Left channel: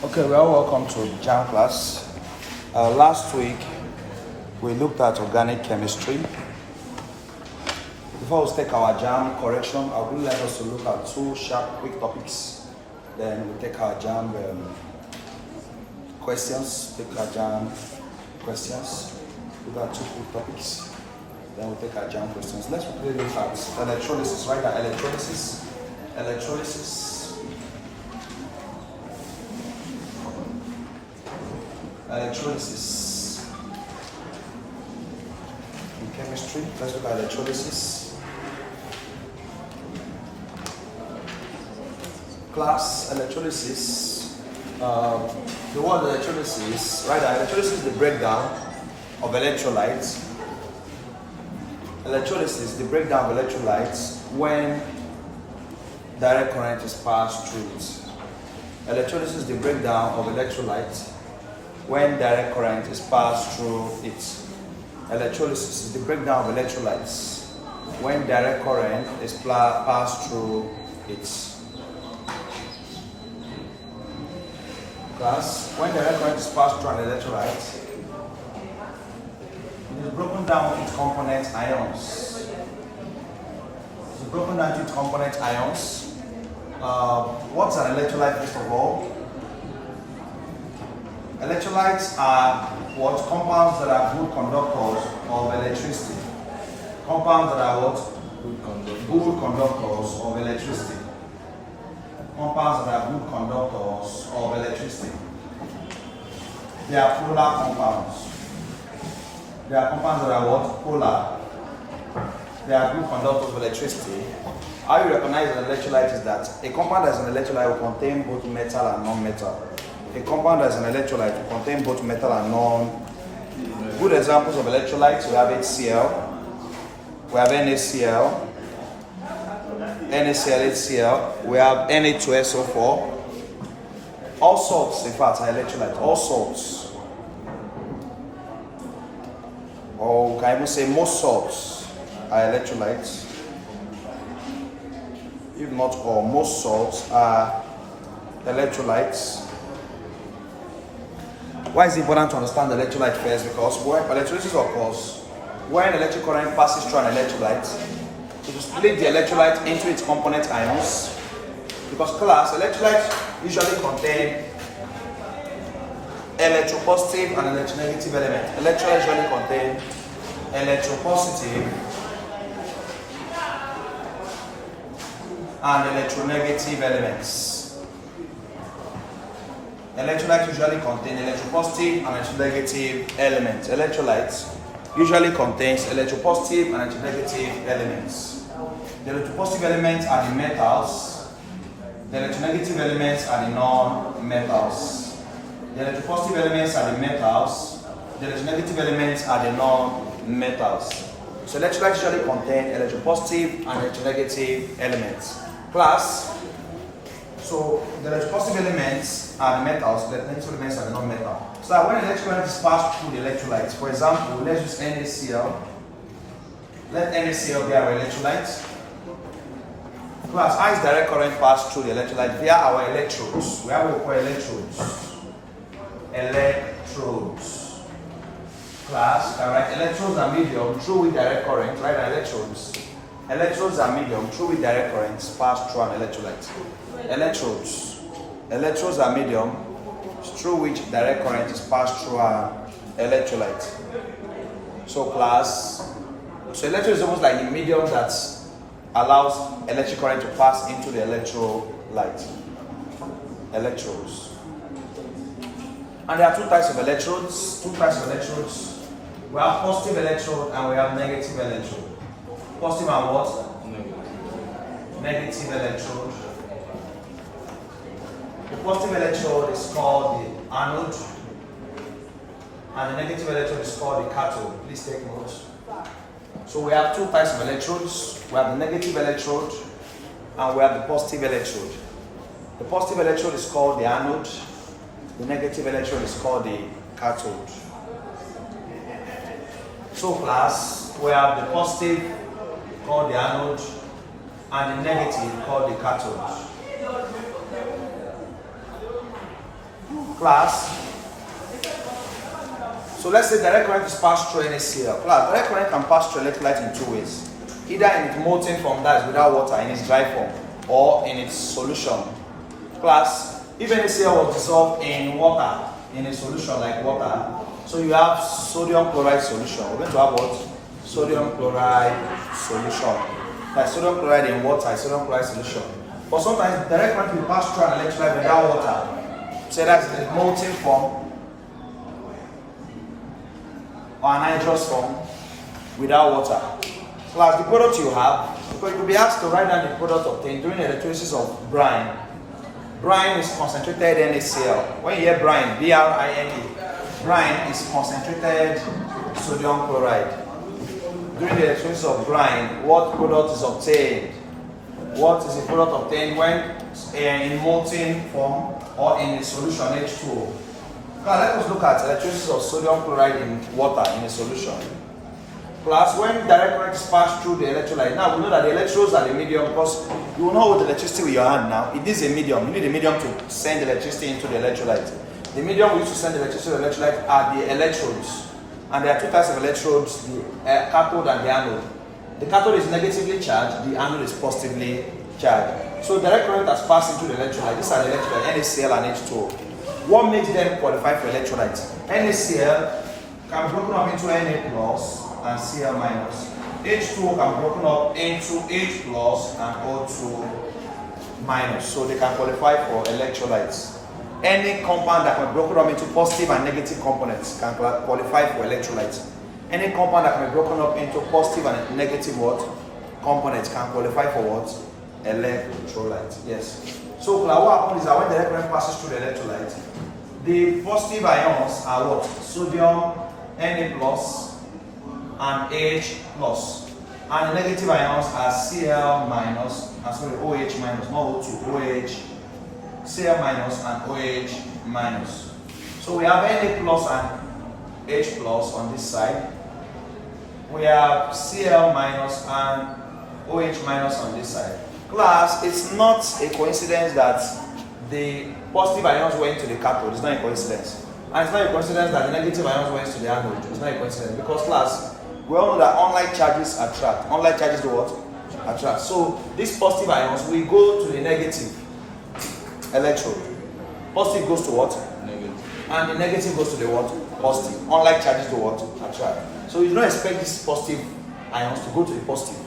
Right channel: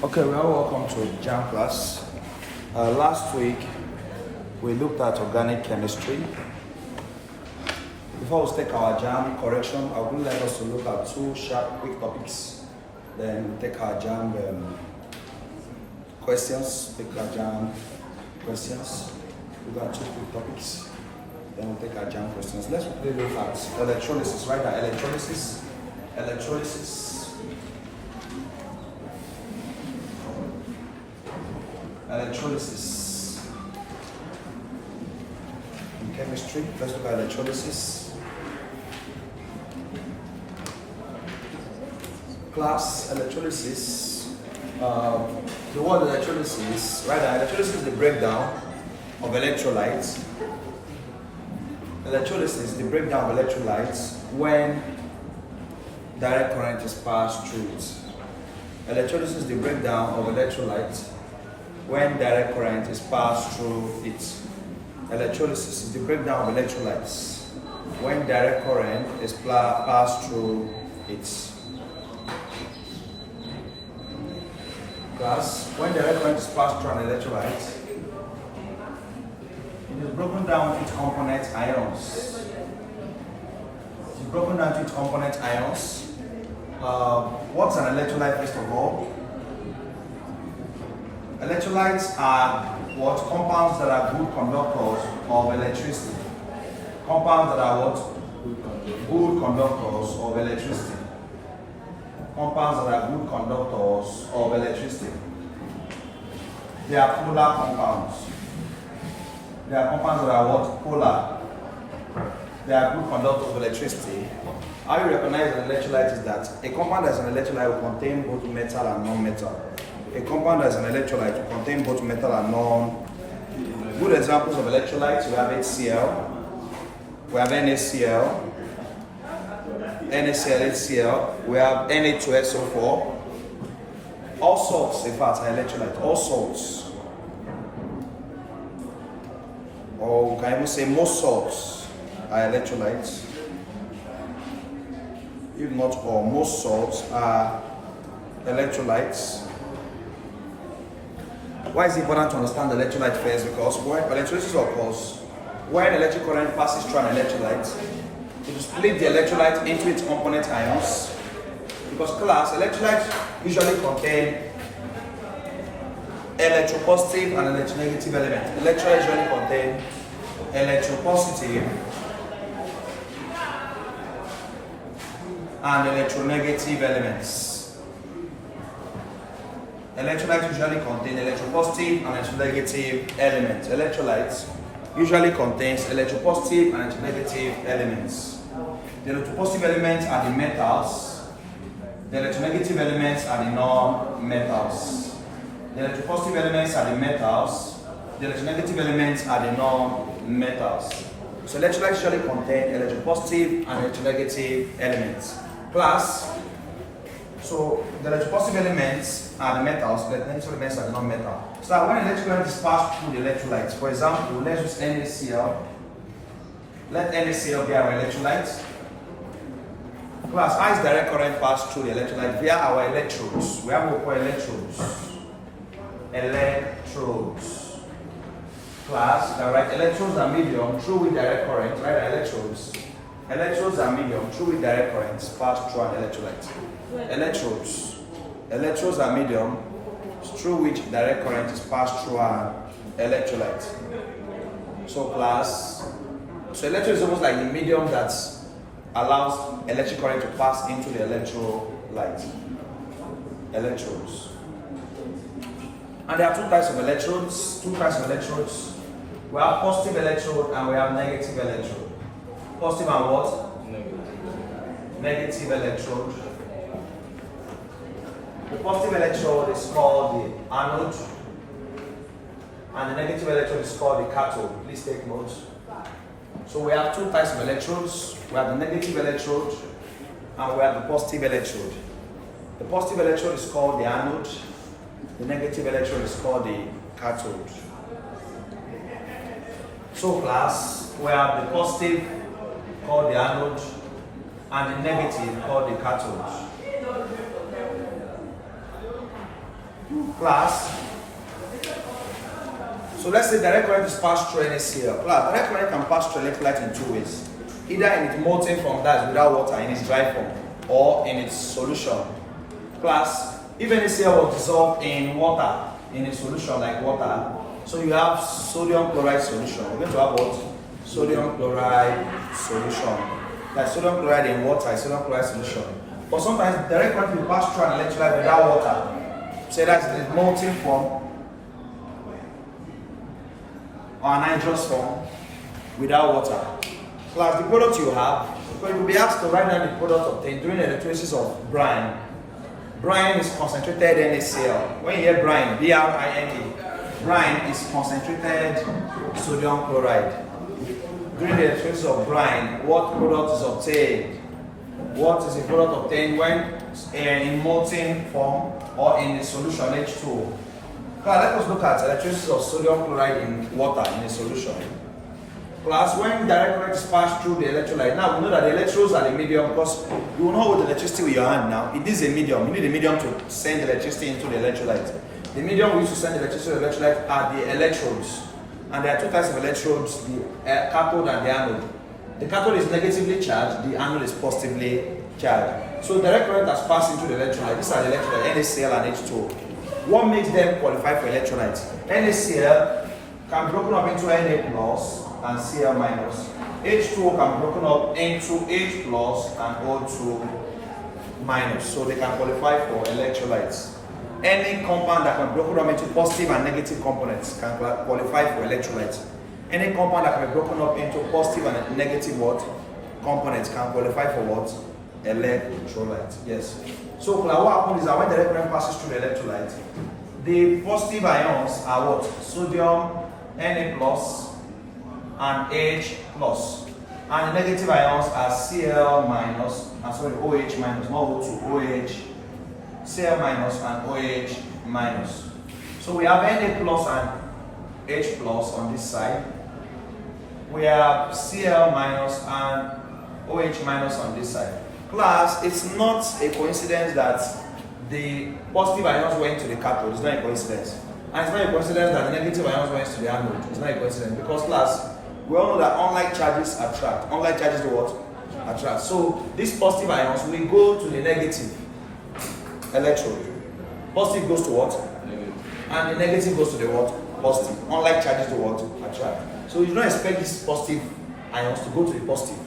Okay, well, welcome to Jamb class. Last week we looked at organic chemistry. Before we take our Jamb correction, I would like us to look at two sharp, quick topics. Then we take our Jamb questions. Look at two quick topics. Then we take our Jamb questions. Let's quickly look at electrolysis. Right now, electrolysis. Electrolysis in chemistry. Let's look at electrolysis. Class electrolysis. The word electrolysis, right? Electrolysis is the breakdown of electrolytes. Electrolysis is the breakdown of electrolytes when direct current is passed through it. Electrolysis is the breakdown of electrolytes when direct current is passed through it. Electrolysis is the breakdown of electrolytes when direct current is passed through it. Class, when direct current is passed through an electrolyte, it is broken down into component ions. It is broken down into component ions. What's an electrolyte first of all? Electrolytes are what? Compounds that are good conductors of electricity. Compounds that are what? Good conductors of electricity. Compounds that are good conductors of electricity. They are polar compounds. They are compounds that are what? Polar. They are good conductors of electricity. How you recognize an electrolyte is that a compound as an electrolyte will contain both metal and non-metal. A compound as an electrolyte will contain both metal and non. Good examples of electrolytes, we have HCl, we have NaCl, HCl, we have Na2SO4. All salts, in fact, are electrolytes. All salts. Or can I even say most salts are electrolytes. If not all, most salts are electrolytes. Why is it important to understand the electrolyte first? Because when electrolysis occurs, when electric current passes through an electrolyte, it will split the electrolyte into its component ions. Because class, electrolytes usually contain electropositive and electronegative elements. Electrolytes usually contain electropositive and electronegative elements. Electrolytes usually contain electropositive and electronegative elements. Electrolytes usually contains electropositive and electronegative elements. The electropositive elements are the metals. The electronegative elements are the non-metals. The electropositive elements are the metals. The electronegative elements are the non-metals. So electrolytes usually contain electropositive and electronegative elements. Class. So the electropositive elements are the metals, the electronegative elements are the non-metal. So that when electric current is passed through the electrolytes, for example, let's use NaCl. Let NaCl be our electrolyte. Class, how is direct current passed through the electrolyte? Via our electrodes. We have what we call electrodes. Electrodes. Class, direct electrodes are medium through with direct current, right? Electrodes. Electrodes are medium through with direct currents passed through an electrolyte. Electrodes are medium through which direct current is passed through an electrolyte. So class, so electrode is almost like the medium that allows electric current to pass into the electrolyte. Electrodes. And there are two types of electrodes. We have positive electrode and we have negative electrode. Positive and what? Negative electrode. The positive electrode is called the anode and the negative electrode is called the cathode. Please take note. So we have two types of electrodes. We have the negative electrode and we have the positive electrode. The positive electrode is called the anode. The negative electrode is called the cathode. So class, we have the positive called the anode and the negative called the cathode. Class, so let's say direct current is passed through NaCl. Class, direct current can pass through electrolyte in two ways. Either in its molten form, that is without water, in its dry form, or in its solution. Class, if NaCl was dissolved in water, in a solution like water, so you have sodium chloride solution. We're going to have what? Sodium chloride solution. Like sodium chloride in water, sodium chloride solution. But sometimes direct current will pass through an electrolyte without water. So that's in its molten form or an anhydrous form without water. Plus the product you have, because you'll be asked to write down the product obtained during electrolysis of brine. Brine is concentrated NaCl. When you hear brine, B-R-I-N-E, brine is concentrated sodium chloride. During the electrolysis of brine, what product is obtained? What is the product obtained when in molten form or in a solution H2O? Let us look at electrolysis of sodium chloride in water in a solution. Plus, when direct current is passed through the electrolyte, now we know that the electrodes are the medium because you will not hold the electricity with your hand now. It is a medium. You need a medium to send electricity into the electrolyte. The medium we use to send electricity to the electrolyte are the electrodes. And there are two types of electrodes, the cathode and the anode. The cathode is negatively charged, the anode is positively charged. So direct current has passed into the electrolyte. These are the electrolytes, NaCl and H2O. What makes them qualify for electrolytes? NaCl can be broken up into Na plus and Cl minus. H2O can be broken up into H plus and O2 minus. So they can qualify for electrolytes. Any compound that can be broken up into positive and negative components can qualify for electrolytes. Any compound that can be broken up into positive and negative what? Components can qualify for what? Electrolyte. Yes. So what happens is that when the current passes through the electrolyte, the positive ions are what? Sodium, Na plus, and H plus. And the negative ions are Cl minus, OH minus, not O2, OH, Cl minus and OH minus. So we have Na plus and H plus on this side. We have Cl minus and OH minus on this side. Class, it's not a coincidence that the positive ions went to the cathode. It's not a coincidence. And it's not a coincidence that the negative ions went to the anode. It's not a coincidence because, class, we all know that unlike charges attract. Unlike charges do what? Attract. So these positive ions will go to the negative electrode. Positive goes to what? Negative. And the negative goes to the what? Positive. Unlike charges do what? Attract. So you don't expect these positive ions to go to the positive.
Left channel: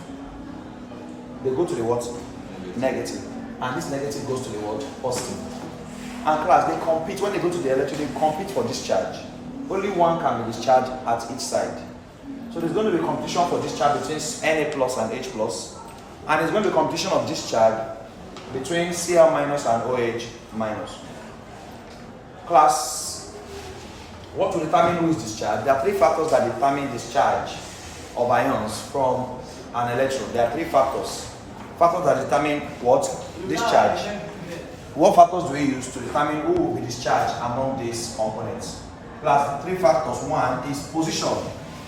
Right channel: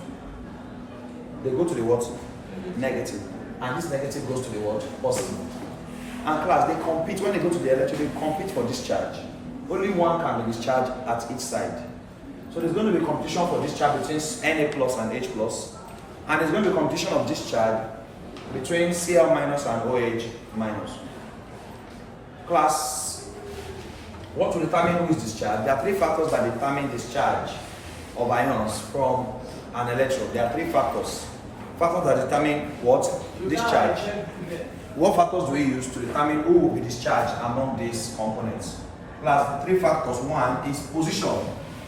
They go to the what? Negative. And this negative goes to the what? Positive. And class, they compete. When they go to the electrode, they compete for discharge. Only one can be discharged at each side. So there's going to be competition for discharge between Na plus and H plus. And there's going to be competition of discharge between Cl minus and OH minus. Class, what will determine who is discharged? There are three factors that determine discharge of ions from an electrode. There are three factors. Factors that determine what? Discharge. What factors do we use to determine who will be discharged among these components? Class, the three factors. One is position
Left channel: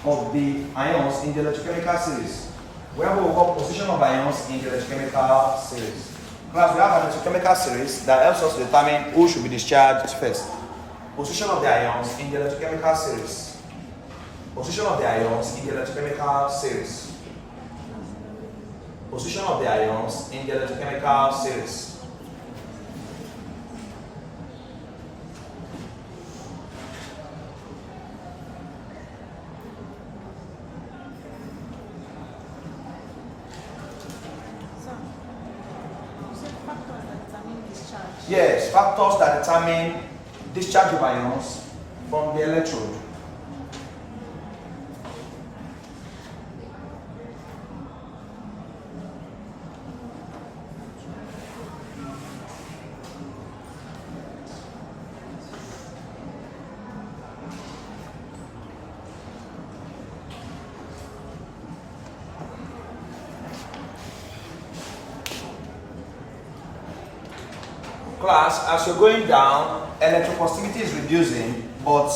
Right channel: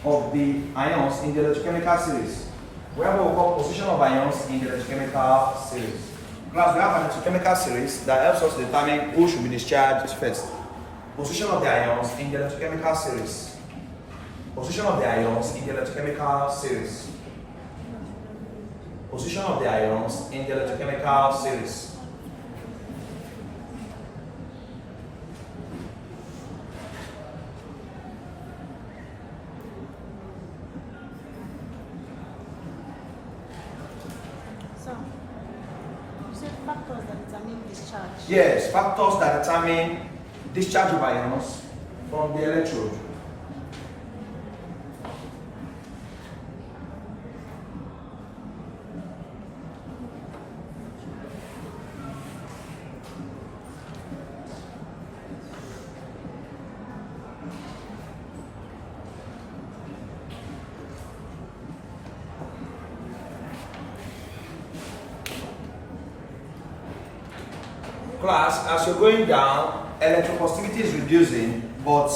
of the ions in the electrochemical series. We have what we call position of ions in the electrochemical series. Class, we have an electrochemical series that helps us determine who should be discharged first. Position of the ions in the electrochemical series. Position of the ions in the electrochemical series. Position of the ions in the electrochemical series. Yes, factors that determine discharge of ions from the electrode. Class, as you're going down, electropositivity is reducing, but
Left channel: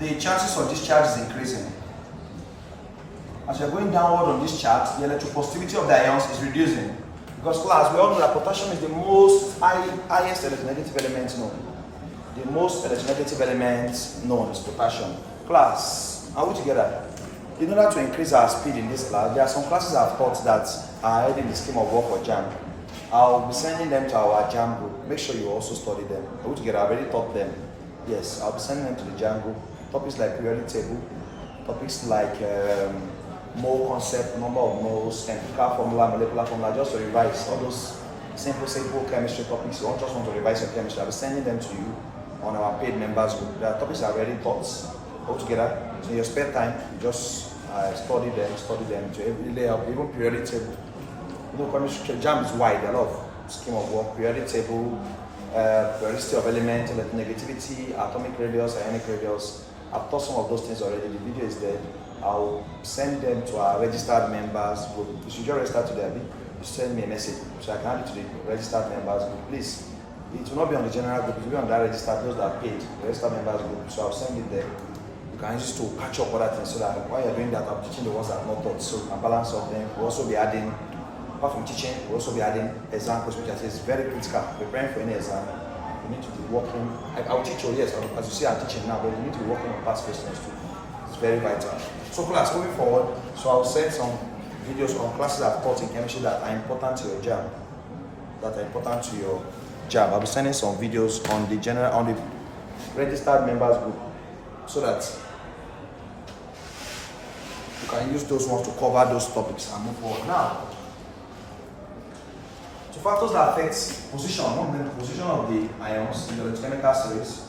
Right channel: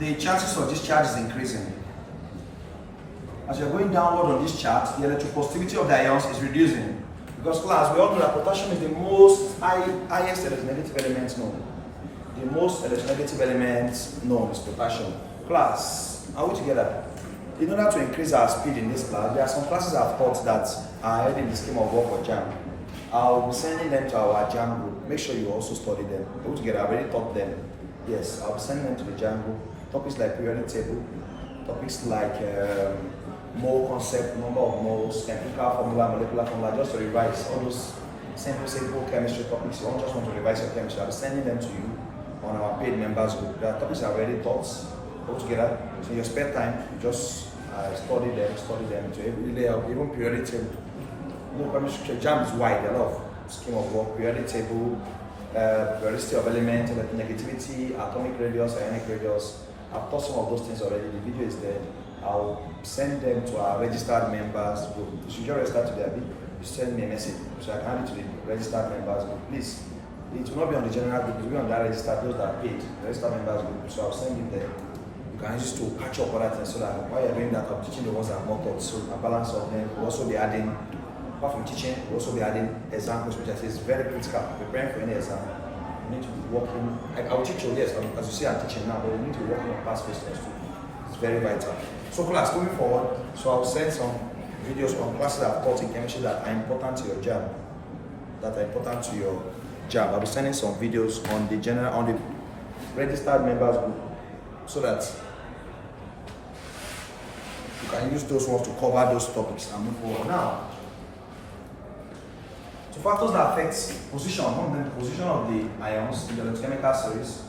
the chances of discharge is increasing. As you're going downward on this chart, the electropositivity of the ions is reducing. Because class, we all know that potassium is the highest electronegative element known. the most electronegative element known is potassium. Class, are we together? In order to increase our speed in this class, there are some classes I've taught that are ahead in the scheme of work for Jamb. I'll be sending them to our Jamb group. Make sure you also study them. Are we together? I've already taught them. Yes, I'll be sending them to the Jamb group. Topics like periodic table, topics like mole concept, number of moles, chemical formula, molecular formula, just to revise all those simple chemistry topics. You don't just want to revise your chemistry. I'll be sending them to you on our paid members group. There are topics I've already taught altogether. So in your spare time, you just study them. So every day, even periodic table. You know, chemistry, Jamb is wide, a lot of scheme of work, periodic table, periodicity of elements, negativity, atomic radius, ionic radius. I've taught some of those things already. The video is there. I'll send them to our registered members group. You should just register to their group. You send me a message so I can add it to the registered members group. Please, it will not be on the general group. It will be on that registered, those that are paid, the registered members group. So I'll send it there. You can use to catch up other things so that while you're doing that, I'm teaching the ones that are not taught. So a balance of them. We'll also be adding, apart from teaching, we'll also be adding exam questions, which I say is very critical. Preparing for any exam, you need to be working. I will teach you, yes, as you see, I'm teaching now, but you need to be working on past questions too. It's very vital. So class, moving forward, so I'll send some videos on classes I've taught in chemistry that are important to your Jamb. I'll be sending some videos on the registered members group so that you can use those ones to cover those topics and move forward. Now, so factors that affect position, one, the position of the ions in the electrochemical series.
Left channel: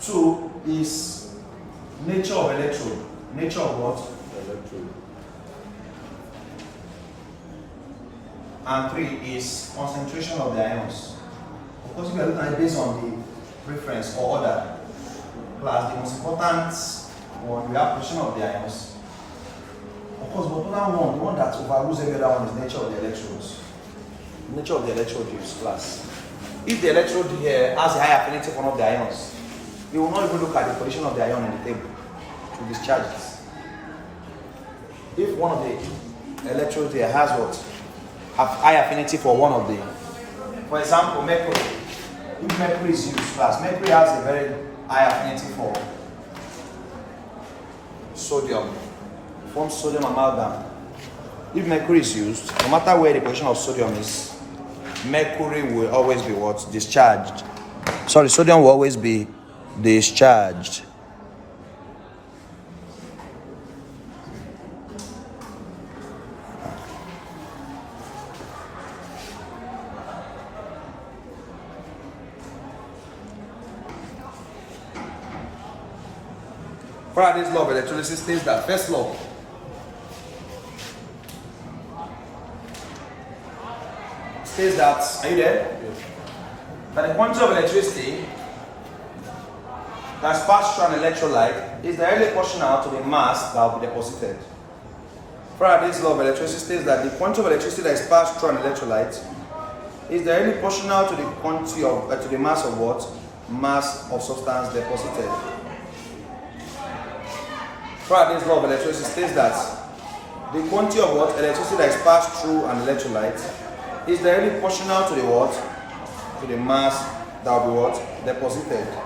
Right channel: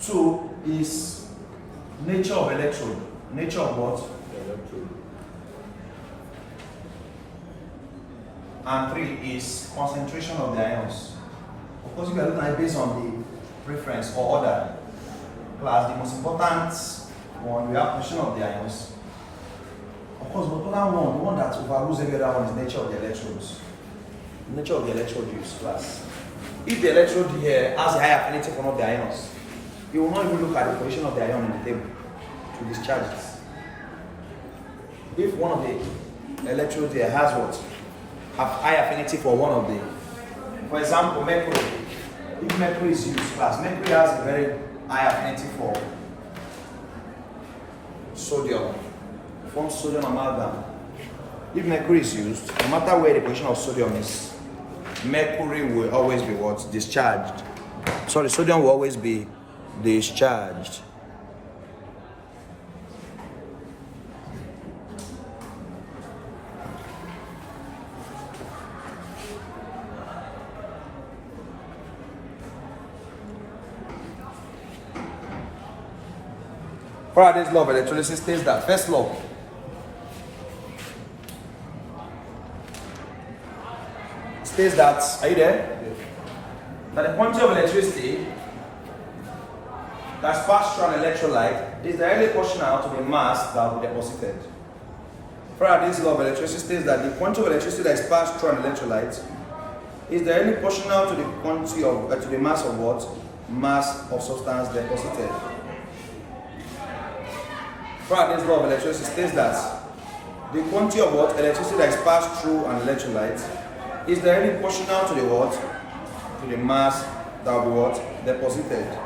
2 is nature of electrode. Nature of what? Electrode. And 3 is concentration of the ions. Of course, if you are looking at it based on the preference or order, class, the most important one, we have position of the ions. Of course, the important one, the one that overrules every other one, is nature of the electrodes. Nature of the electrode use, class. If the electrode here has a high affinity for one of the ions, you will not even look at the position of the ion in the table to discharge it. If one of the electrodes here has what? Have high affinity for one of the, for example, mercury. If mercury is used, class, mercury has a very high affinity for sodium. It forms sodium amalgam. If mercury is used, no matter where the position of sodium is, mercury will always be what? Discharged. Sorry, sodium will always be discharged. Faraday's law of electrolysis states that first law, states that, are you there? Yes. That the quantity of electricity that's passed through an electrolyte is directly proportional to the mass that will be deposited. Faraday's law of electricity states that the quantity of electricity that is passed through an electrolyte is directly proportional to the quantity of to the mass of what? Mass of substance deposited. Faraday's law of electricity states that the quantity of what? Electricity that is passed through an electrolyte is directly proportional to the what? To the mass that will be what? Deposited.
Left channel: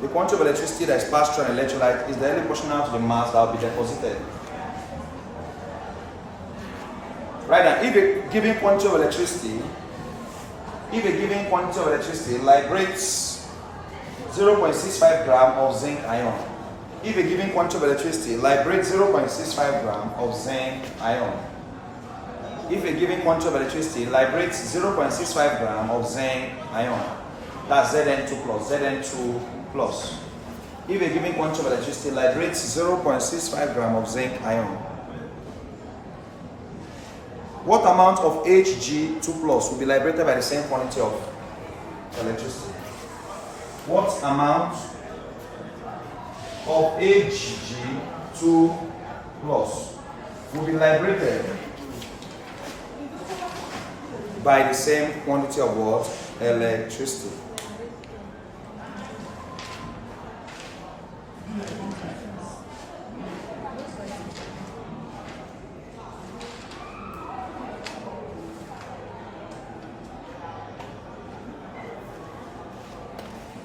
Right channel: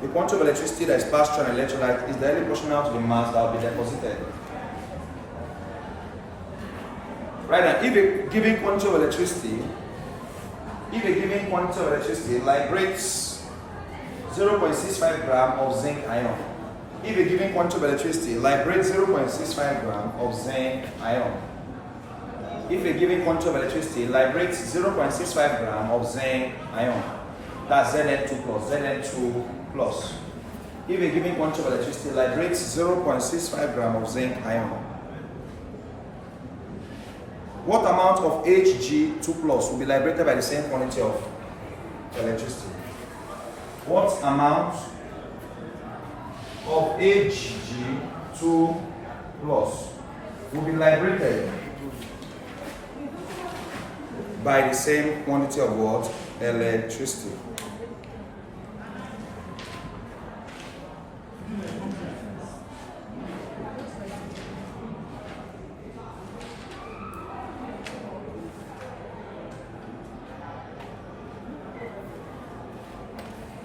The quantity of electricity that is passed through an electrolyte is directly proportional to the mass that will be deposited. Right now, if a given quantity of electricity liberates 0.65 gram of zinc ion. If a given quantity of electricity liberates 0.65 gram of zinc ion. If a given quantity of electricity liberates 0.65 gram of zinc ion, that's Zn2 plus, Zn2 plus. If a given quantity of electricity liberates 0.65 gram of zinc ion, what amount of Hg2 plus will be liberated by the same quantity of electricity? What amount of Hg2 plus will be liberated by the same quantity of what? Electricity.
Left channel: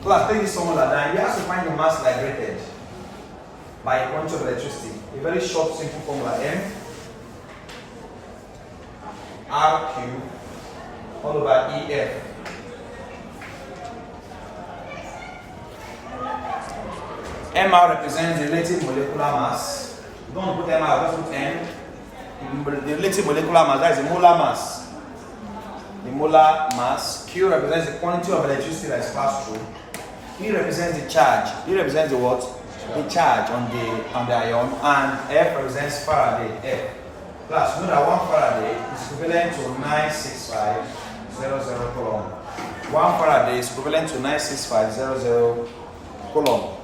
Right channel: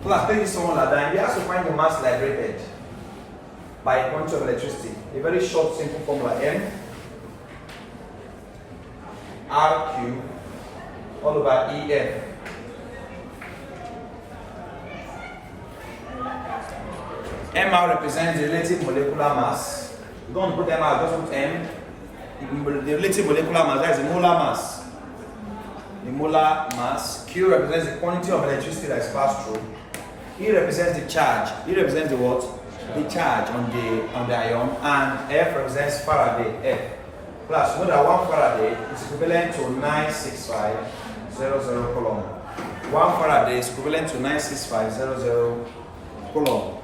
Class, take this formula down. You have to find the mass liberated by a quantity of electricity. A very short, simple formula: M RQ all over EF. MR represents the relative molecular mass. You don't want to put MR, just put M. The relative molecular mass, that is the molar mass. The molar mass. Q represents the quantity of electricity that is passed through. E represents the charge. E represents the what? The charge on the ion. And F represents Faraday. F. Plus, you know that 1 Faraday is equivalent to 96500 coulomb. 1 Faraday is equivalent to 96500 coulomb.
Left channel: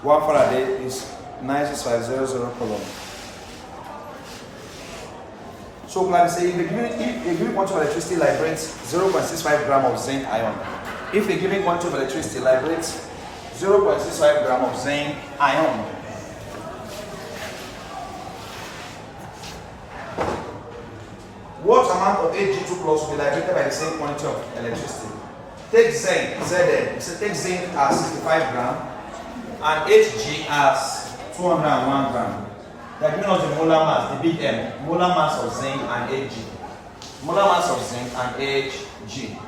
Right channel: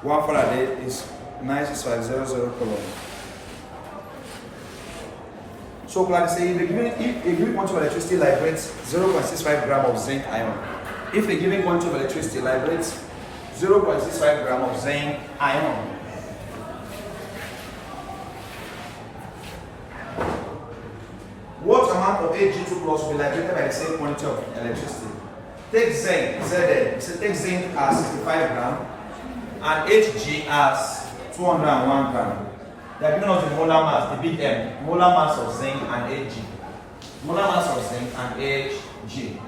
1 Faraday is 96500 coulomb. So, like say, if a given quantity of electricity liberates 0.65 gram of zinc ion. If the given quantity of electricity liberates 0.65 gram of zinc ion, what amount of Ag2 plus will be liberated by the same quantity of electricity? Take zinc, Zn. So take zinc as 65 gram and Hg as 201 gram. They are giving us the molar mass, the big M, molar mass of zinc and Hg. Molar mass of zinc and Hg.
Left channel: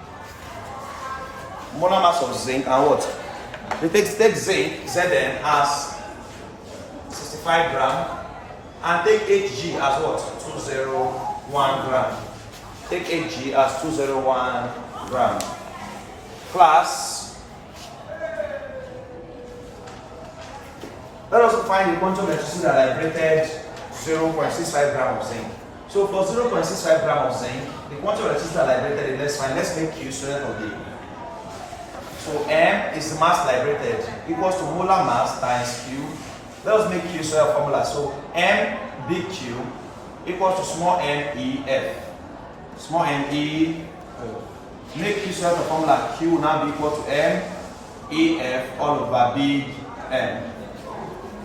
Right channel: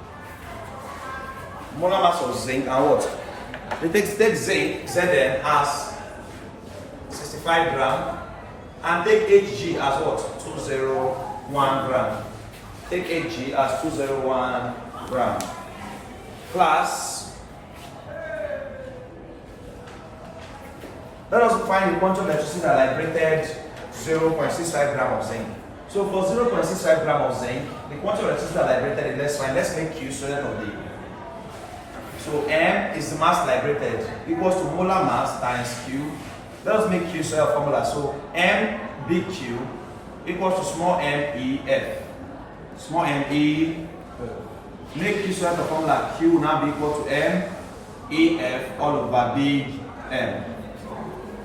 Molar mass of zinc and what? You take zinc, Zn as 65 gram and take Hg as what? 201 gram. Take Hg as 201 gram. Plus, let us find the quantity of electricity that liberated 0.65 gram of zinc. So for 0.65 gram of zinc, the quantity of electricity that liberated, let's find. Let's make Q student of D. So M is the mass liberated equals to molar mass times Q. Let us make Q student formula. So M big Q equals to small m E F. Small m E. Make Q student formula. Q will now be equal to M E F all over big M.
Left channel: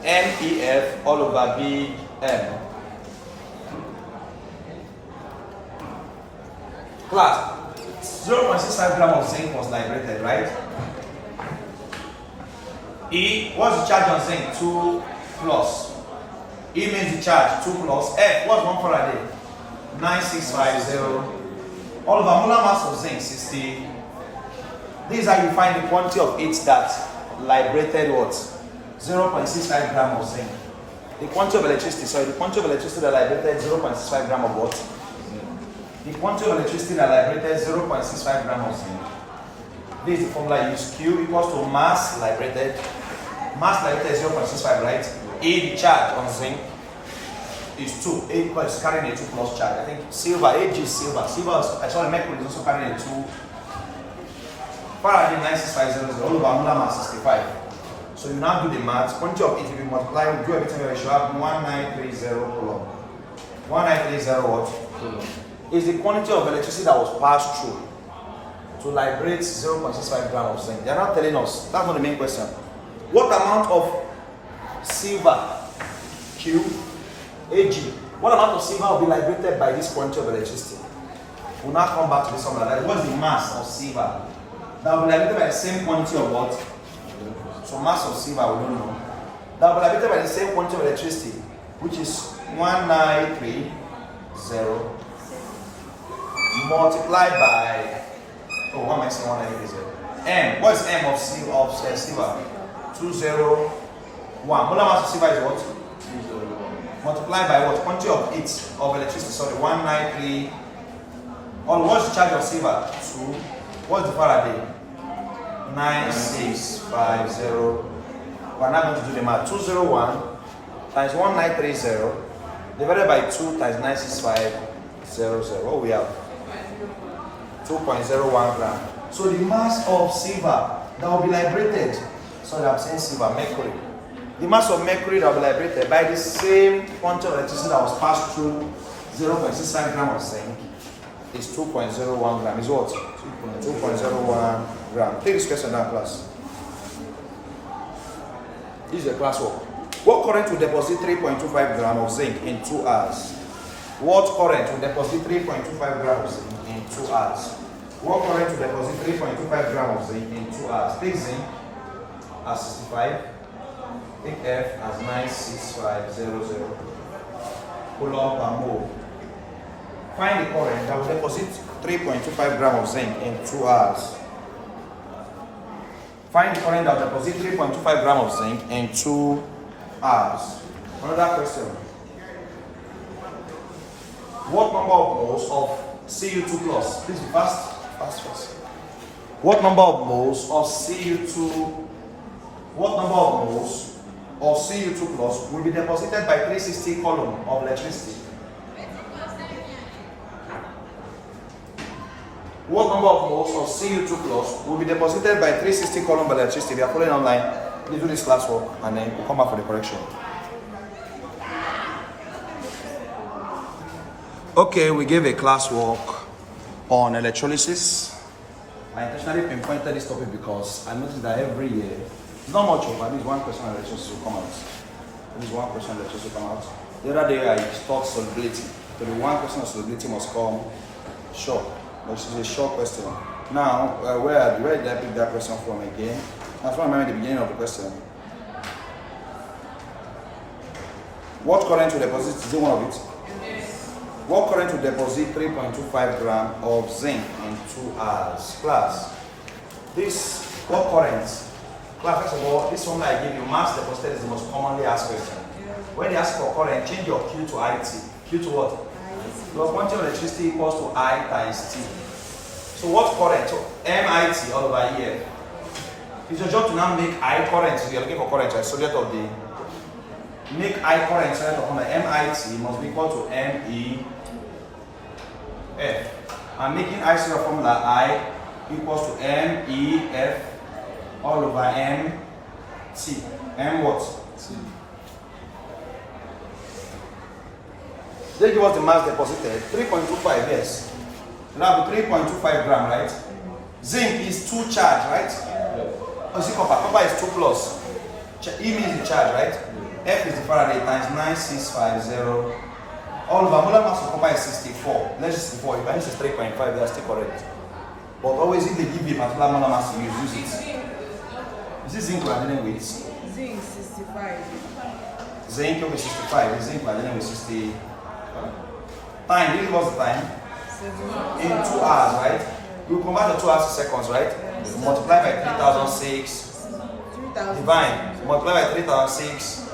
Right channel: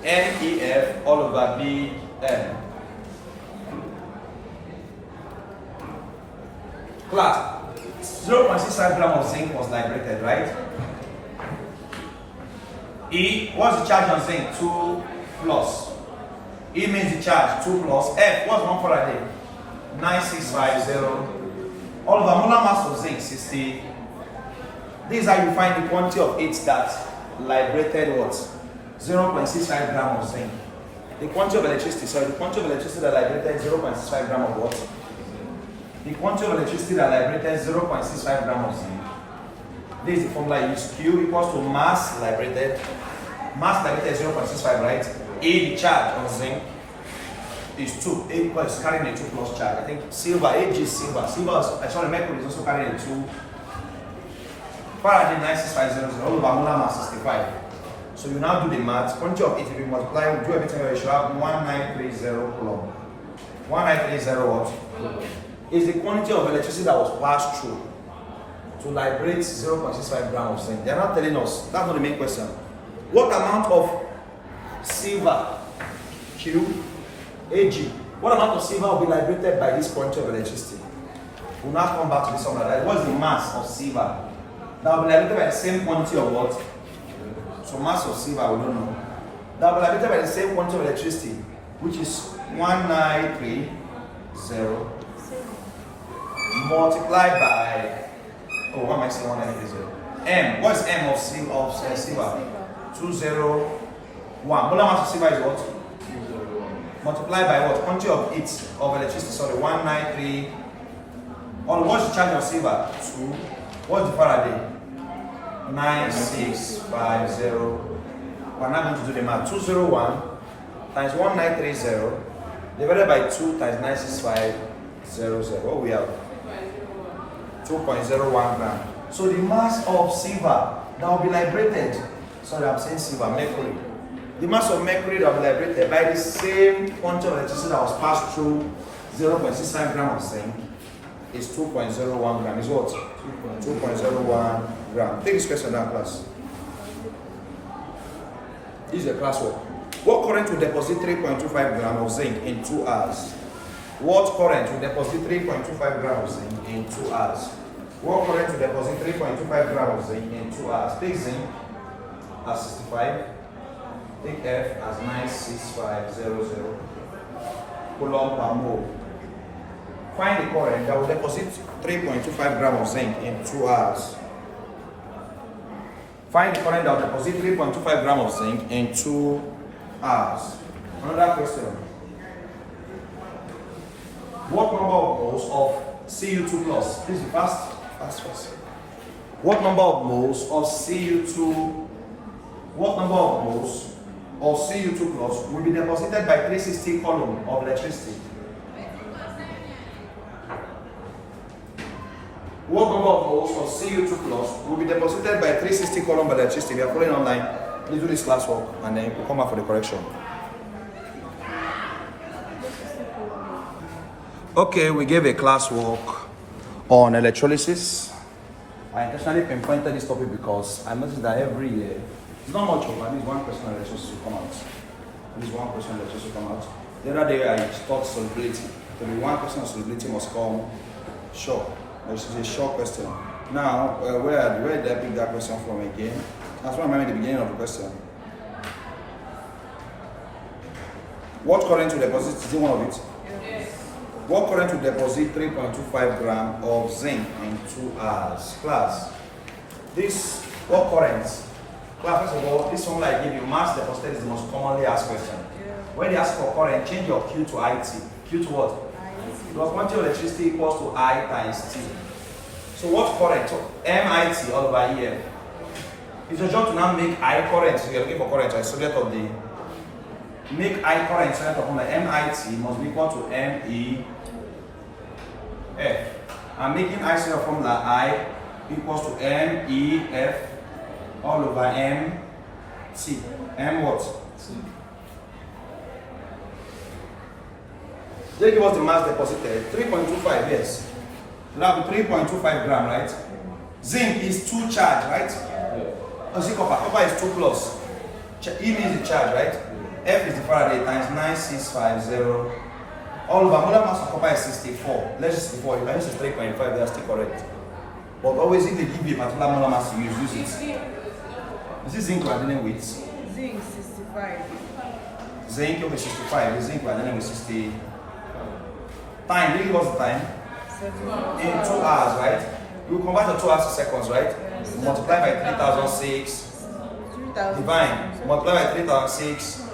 MEF all over big M. Class, 0.65 gram of zinc was liberated, right? E, what's the charge on zinc? 2 plus. E means the charge, 2 plus. F, what's 1 Faraday? 9650. All over molar mass of zinc, 60. This is how you find the quantity of it that liberated what? 0.65 gram of zinc. The quantity of electricity, the quantity of electricity that liberated 0.65 gram of what? The quantity of electricity that liberated 0.65 gram of zinc. This is the formula you use. Q equals to mass liberated. Mass liberated 0.65, right? A, the charge on zinc, is 2. A is carrying a 2 plus charge. I think silver, Ag is silver. Mercury is also carrying a 2. Faraday 96500 all over molar mass 65. So you now do the math. Quantity of it, if you multiply, do everything, you should have 1930 coulomb. 1930 what? Is the quantity of electricity that was passed through to liberate 0.65 gram of zinc. They are not telling us. That's not the main question. What amount of silver, Q, Ag, what amount of silver will be liberated by this quantity of electricity? We'll now come back to this formula. Like, what's the mass of silver that will be liberated by the same quantity of what? So mass of silver, we don't know. That will be liberated by the same quantity of electricity, which is 1930 multiplied by, what am I saying, 1930? M, what is M of silver? 201. Molar mass of silver is what? 201. Multiplied by what? Quantity of it, of electricity, 193. What's the charge of silver? 2. What's the Faraday? 9650. We're now going to do the math. 201 times 1930 divided by 2 times 96500. What we have? 2.01 gram. So the mass of silver that will be liberated, I'm saying silver, mercury. The mass of mercury that will be liberated by the same quantity of electricity that was passed through 0.65 gram of zinc is 2.01 gram. Is what? 2.01 gram. Take this question now, class. This is your classwork. What current will deposit 3.25 gram of zinc in 2 hours? What current will deposit 3.25 grams in 2 hours? Work current to deposit 3.25 grams of zinc in 2 hours. Take zinc as 65. Take F as 96500 coulomb per mole. Find the current that will deposit 3.25 grams of zinc in 2 hours. Find the current that will deposit 3.25 grams of zinc in 2 hours. Another question. What number of moles of Cu2 plus? Please be fast. What number of moles of Cu2? What number of moles of Cu2 plus will be deposited by 360 coulomb of electricity? What number of moles of Cu2 plus will be deposited by 360 coulomb of electricity? We are following online. Please do this classwork and then we'll come back for the correction. Okay, we gave a classwork on electrolysis. I intentionally pinpointed this topic because I noticed that every year, it's not much of at least one question on electrolysis will come out. At least one question on electrolysis will come out. The other day I taught solubility. So the one question on solubility must come short. This is a short question. Now, where did I pick that question from again? That's why I remember the beginning of the question. What current will deposit? Is it one of it? What current will deposit 3.25 grams of zinc in 2 hours? Class, this, what current? Class, first of all, this one I give you, mass deposited is the most commonly asked question. When they ask for current, change your Q to IT. Q to what? Because quantity of electricity equals to I times T. So what current? So MIT all over here. It's your job to now make I current. So you're looking for current, right? Subject of the make I current set upon the MIT must be equal to MEF. I'm making I zero formula I equals to MEF all over MT. M what? T. They give us the mass deposited 3.25, yes. Now 3.25 gram, right? Zinc is 2 charge, right? Oh, is it copper? Copper is 2 plus. E means the charge, right? F is the Faraday times 9650. All over molar mass of copper is 64. Let's 64. If I use 3.5, they are still correct. But always if they give you a particular molar mass to use it. Is this zinc we are dealing with? Zinc 65. Zinc okay 65. The zinc we are dealing with 60. Time, really what's the time? 7 In 2 hours, right? You convert the 2 hours to seconds, right? Yes. Multiply by 3006. 3,000. Divine. Multiply by 3006.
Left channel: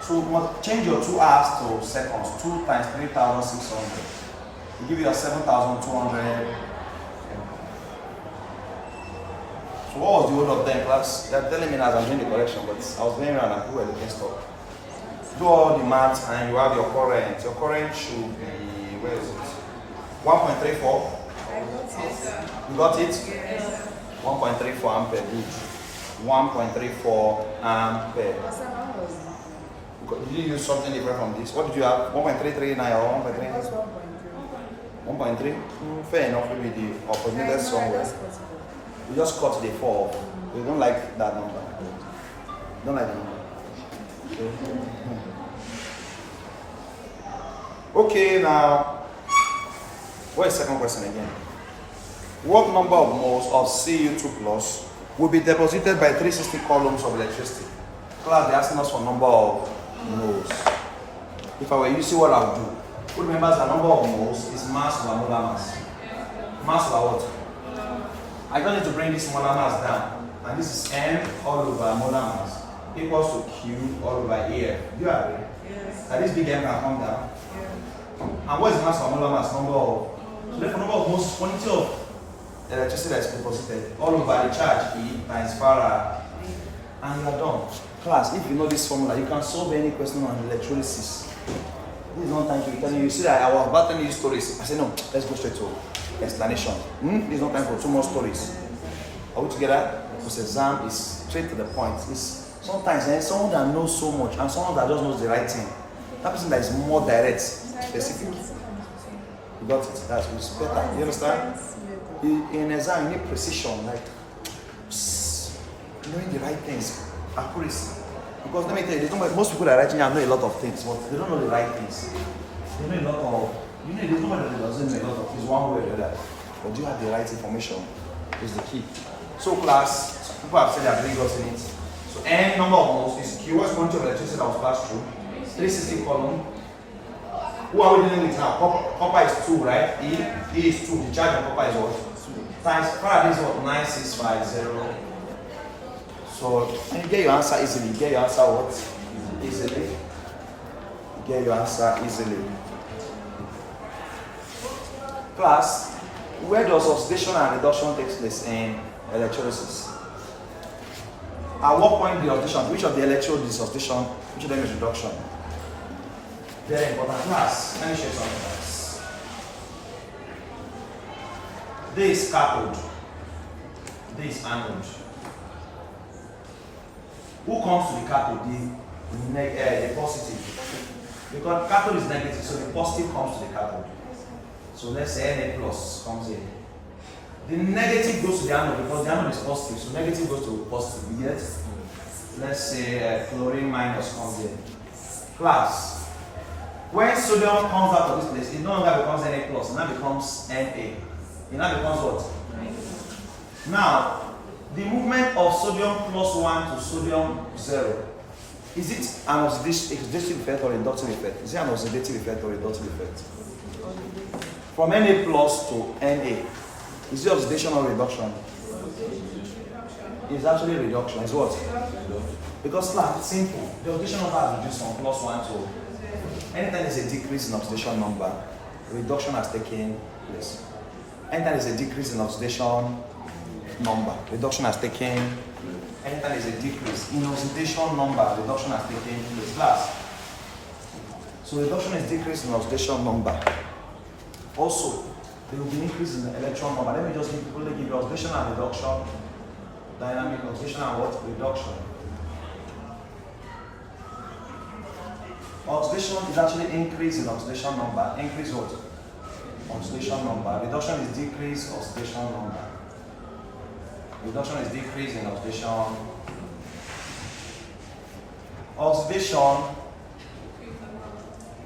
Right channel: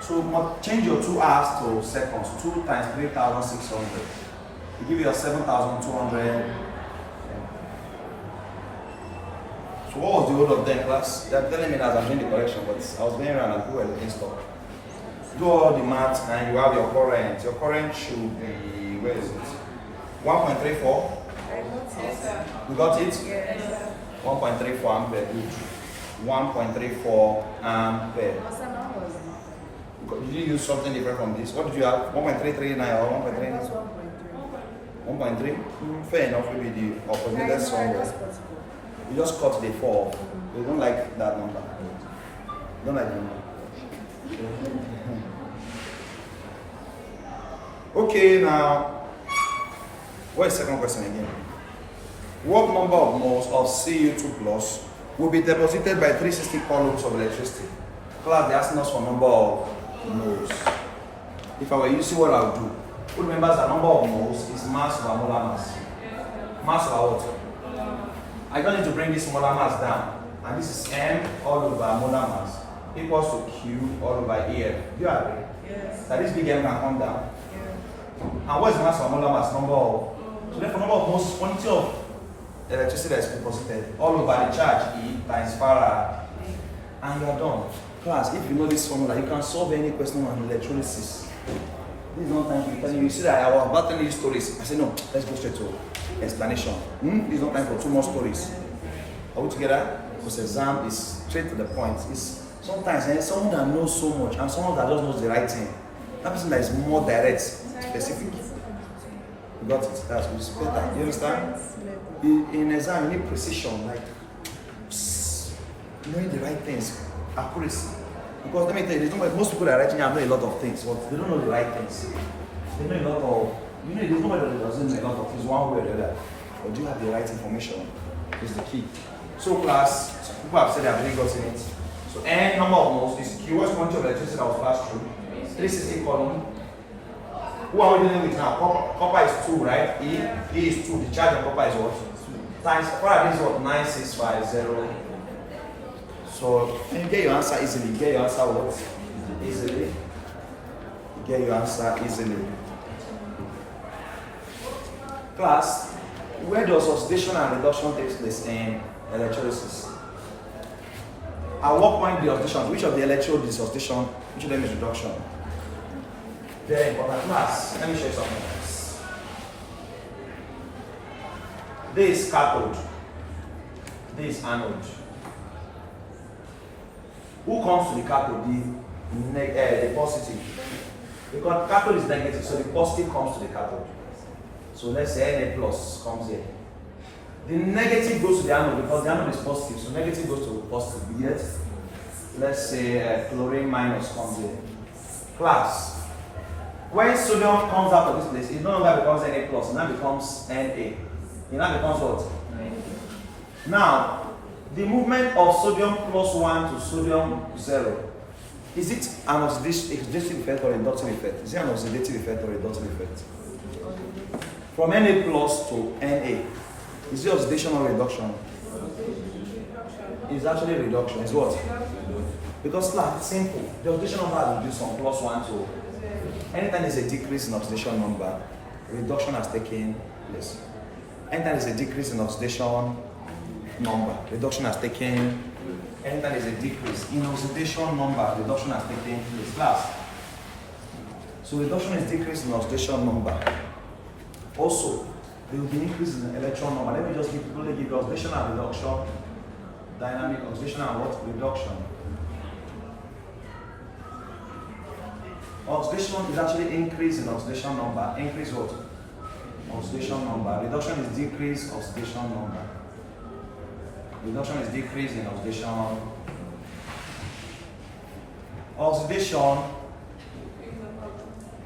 So change your 2 hours to seconds. 2 times 3600. It give you 7200. So what was the whole of them, class? They are telling me that I'm doing the correction, but I was going around and people were looking stuff. Do all the maths and you have your current. Your current should be, where is it? 1.34. I got it. You got it? Yes. 1.34 ampere. Good. 1.34 ampere. What someone was it? Did you use something different from this? What did you have? 1.339 or 1.3? I got 1.3. 1.3? Fair enough with the opposite I somewhere. just cut it. You just cut the 4. You don't like that number. You don't like the number. Okay, now, what is the second question again? What number of moles of Cu2 plus will be deposited by 360 coulombs of electricity? Class, they're asking us for number of moles. If I were you, see what I would do. Who remembers the number of moles is mass over molar mass? Mass over what? I don't need to bring this molar mass down. And this is M all over molar mass equals to Q all over AF. Do you agree? Yes. That this big M can come down. Yeah. And what is mass of molar mass? Number of. So therefore, number of moles is quantity of electricity that is deposited all over the charge E times Farad. And you are done. Class, if you know this formula, you can solve any question on electrolysis. This is not time to tell you. You see that I was about telling you stories. I said, no, let's go straight to explanation. This is not time for 2 more stories. Are we together? Because exam is straight to the point. It's sometimes someone that knows so much and someone that just knows the right thing. That person that is more direct, specific. You got it? That's what's better. You understand? In exam, you need precision, like knowing the right things, accuracy. Because let me tell you, most people are writing know a lot of things, but they don't know the right things. They know a lot of, there's nobody that doesn't know a lot of things one way or the other. But do you have the right information? Is the key. So class, people have said they have really gotten it. So N number of moles is Q. What's quantity of electricity that was passed through? 360 column. Who are we dealing with now? Copper is 2, right? E is 2. The charge on copper is what? Times Faraday is what? 9650. So when you get your answer easily, you get your answer what? Easily. You get your answer easily. Class, where does oxidation and reduction take place in electrolysis? At what point the oxidation, which of the electrode is oxidation, which of them is reduction? Very important. Class, let me show you something else. This is cathode, this is anode. Who comes to the cathode? The positive. Because cathode is negative, so the positive comes to the cathode. So let's say Na plus comes here. The negative goes to the anode because the anode is positive, so negative goes to positive. Yet, let's say chlorine minus comes here. Class. When sodium comes out of this place, it no longer becomes Na plus, it now becomes Na. It now becomes what? Now, the movement of sodium plus 1 to sodium 0, is it an oxidative effect or inductive effect? Is it an oxidative effect or reductive effect? From Na plus to Na, is it oxidation or reduction? It's actually reduction. It's what? Because it's simple. The oxidation number has reduced from plus 1 to. Anytime there's a decrease in oxidation number, reduction has taken place. Anytime there's a decrease in oxidation number, reduction has taken. Anytime there's a decrease in oxidation number, reduction has taken place. Class. So reduction is decrease in oxidation number. Also, there will be increase in the electron number. Let me just give you oxidation and reduction, dynamic oxidation and what? Reduction. Oxidation is actually increase in oxidation number. Increase what? Oxidation number. Reduction is decrease oxidation number. Reduction is decrease in oxidation. Oxidation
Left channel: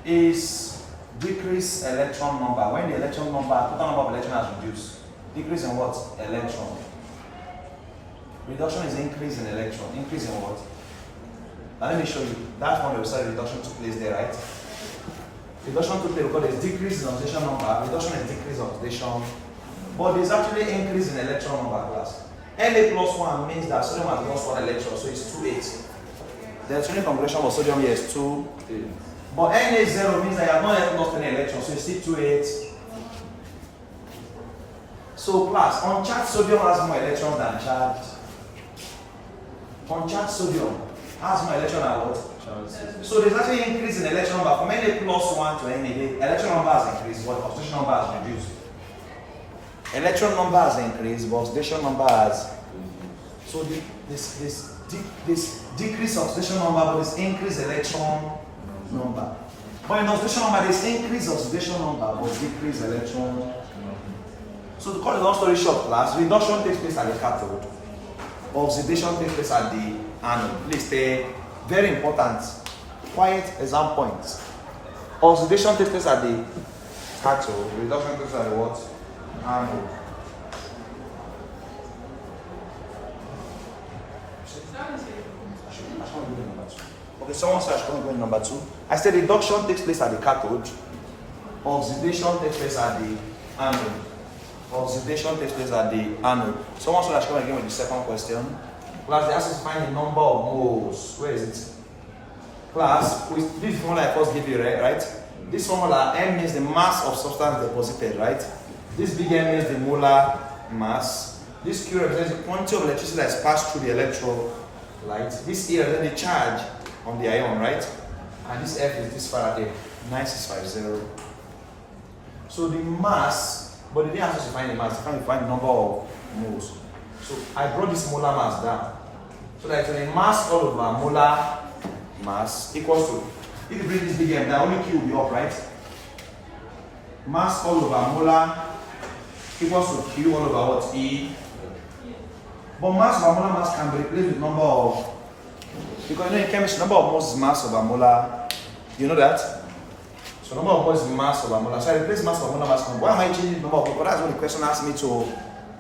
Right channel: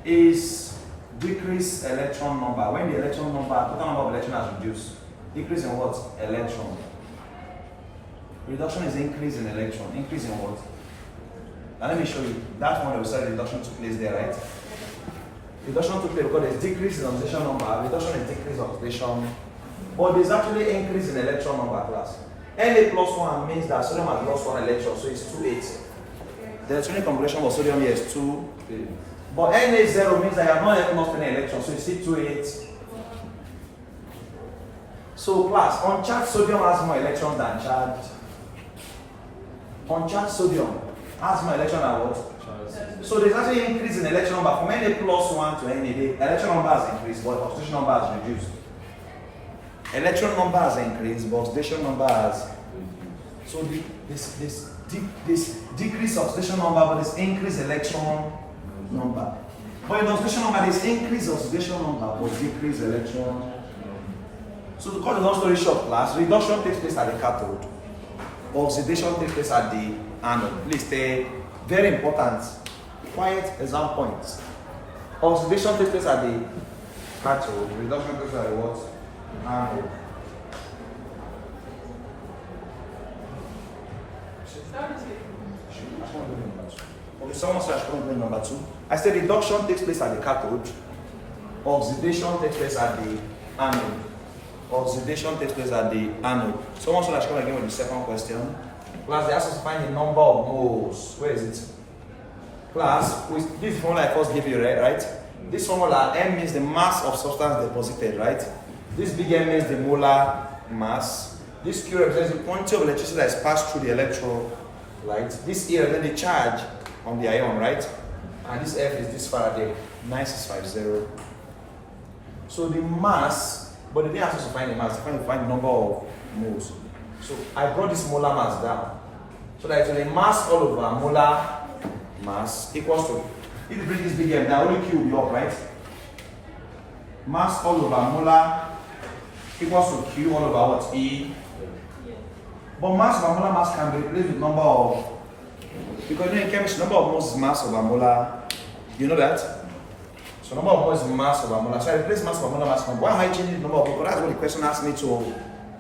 is decrease electron number. When the electron number, total number of electron has reduced. Decrease in what? Electron. Reduction is increase in electron. Increase in what? Now let me show you. That's one that we said reduction took place there, right? Reduction took place because there's decrease in oxidation number. Reduction is decrease oxidation. But there's actually increase in electron number class. Na plus 1 means that sodium has lost 1 electron, so it's 2,8. The electronic configuration of sodium here is 2. But Na0 means that you have not yet lost any electron, so it's still 2,8. So class, uncharged sodium has more electrons than charged. Uncharged sodium has more electron than what? So there's actually an increase in electron number from Na plus 1 to Na. The electron number has increased, but oxidation number has reduced. Electron number has increased, but oxidation number has. So this decrease oxidation number, but this increase electron number. But in oxidation number, there's increase oxidation number, but decrease electron. So to cut the long story short, class, reduction takes place at the cathode. Oxidation takes place at the anode. Please stay very important. Quiet exam points. Oxidation takes place at the cathode. Reduction takes place at the what? Anode. Okay, someone said I should go number 2. I said reduction takes place at the cathode. Oxidation takes place at the anode. Oxidation takes place at the anode. Someone said I should come again with the second question. Class, they asked us to find the number of moles. Where is it? Class, this formula I first gave you, right? This formula, M means the mass of substance deposited, right? This big M means the molar mass. This Q represents the quantity of electricity that is passed through the electrolyte. This E represents the charge on the ion, right? And this F is this Faraday, 9650. So the mass, but they didn't ask us to find the mass, they find the number of moles. So I brought this molar mass down. So that when a mass all over molar mass equals to, if you bring this big M down, only Q will be up, right? Mass all over molar equals to Q all over what? E. But mass over molar mass can be replaced with number of, because in chemistry, number of moles is mass over molar. You know that? So number of moles is mass over molar. So I replace mass over molar mass number. Why am I changing the number of moles? That's what the question asks me to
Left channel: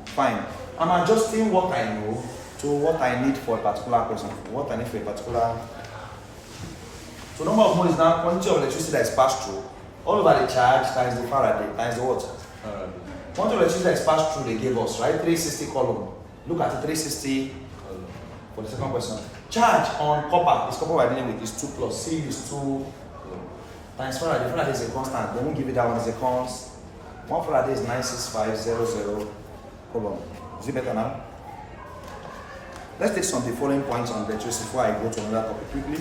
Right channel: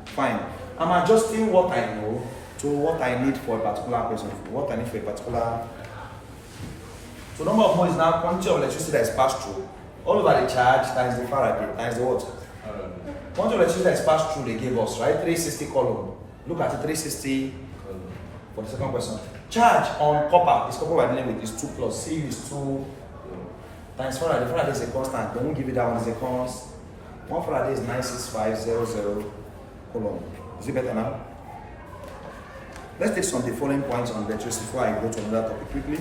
find. I'm adjusting what I know to what I need for a particular question. What I need for a particular. So number of moles is now quantity of electricity that is passed through. All over the charge times the Faraday times the what? Quantity of electricity that is passed through they gave us, right? 360 column. Look at the 360 for the second question. Charge on copper, this copper we're dealing with is 2 plus. C is 2 times Faraday. Faraday is a constant. They won't give you that one as a constant. 1 Faraday is 96500 column. Is it better now? Let's take some of the following points on electricity before I go to another topic quickly.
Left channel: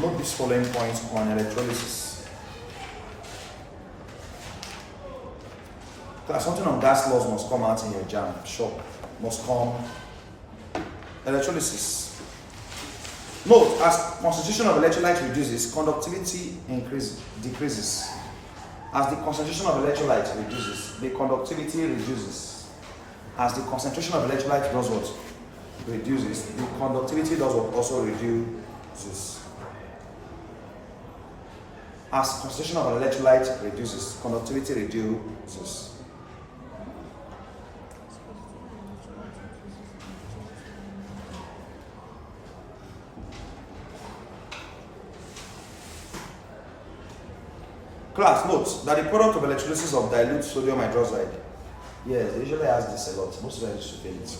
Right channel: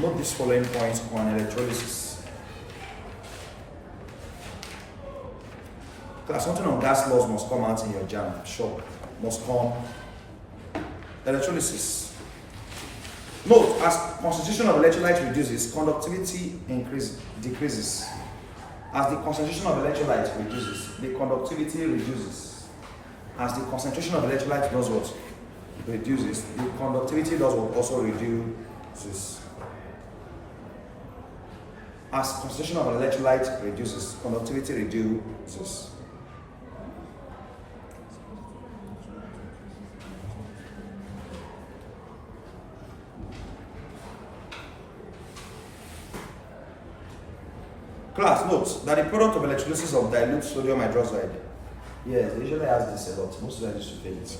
Note these following points on electrolysis. Class, something on gas laws must come out in your Jamb. Sure, must come. Electrolysis. Note, as concentration of electrolyte reduces, conductivity decreases. As the concentration of electrolyte reduces, the conductivity reduces. As the concentration of electrolyte does what? Reduces. The conductivity does what? Also reduces. As concentration of electrolyte reduces, conductivity reduces. Class, note that the product of electrolysis of dilute sodium hydroxide. Yes, they usually ask this a lot. Most of them used to fail it.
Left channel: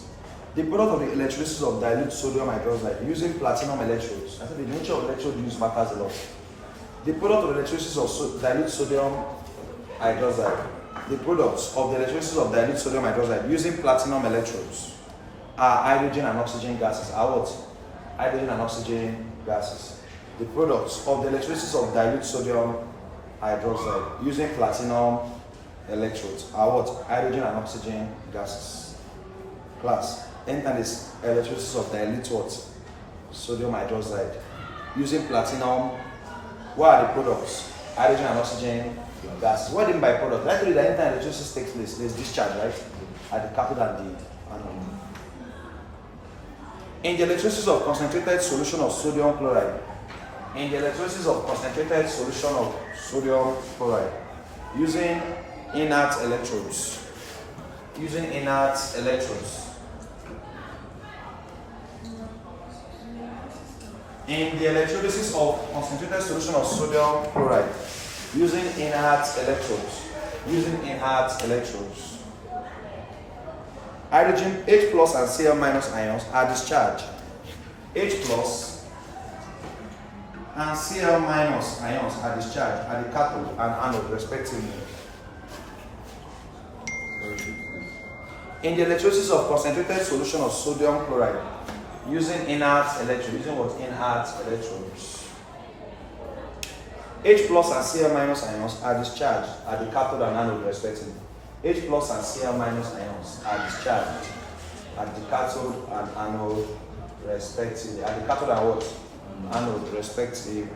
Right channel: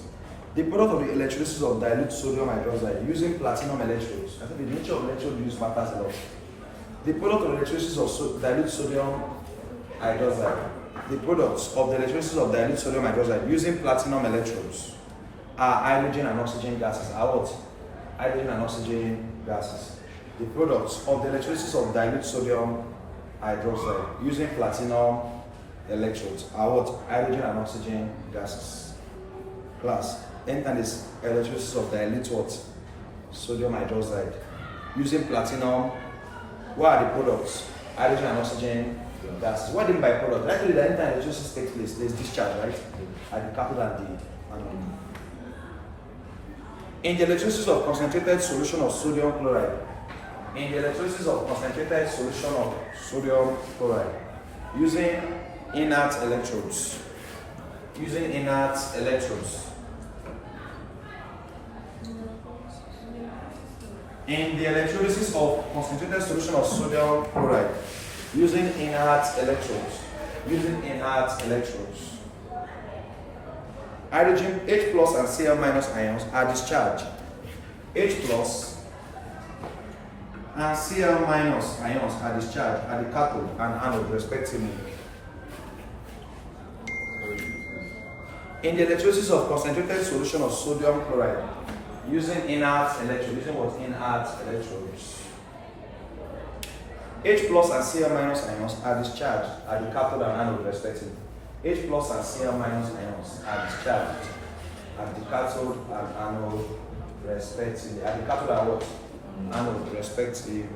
The product of the electrolysis of dilute sodium hydroxide using platinum electrodes. I think the nature of electrode use matters a lot. The product of electrolysis of dilute sodium hydroxide. The products of the electrolysis of dilute sodium hydroxide using platinum electrodes are hydrogen and oxygen gases. Are what? Hydrogen and oxygen gases. The products of the electrolysis of dilute sodium hydroxide using platinum electrodes are what? Hydrogen and oxygen gases. Class, anytime this electrolysis of dilute what? Sodium hydroxide using platinum, what are the products? Hydrogen and oxygen gases. What do you mean by product? Actually, the anytime electrolysis takes place, there is discharge, right? At the cathode and the anode. In the electrolysis of concentrated solution of sodium chloride, in the electrolysis of concentrated solution of sodium chloride using inert electrodes. Using inert electrodes. In the electrolysis of concentrated solution of sodium chloride using inert electrodes. Using inert electrodes. Hydrogen H plus and Cl minus ions are discharged. H plus and Cl minus ions are discharged at the cathode and anode respectively. In the electrolysis of concentrated solution of sodium chloride using inert electrodes, using what? Inert electrodes. H plus and Cl minus ions are discharged at the cathode and anode respectively. H plus and Cl minus ions are discharged at the cathode and anode respectively. At the cathode and what? Anode respectively.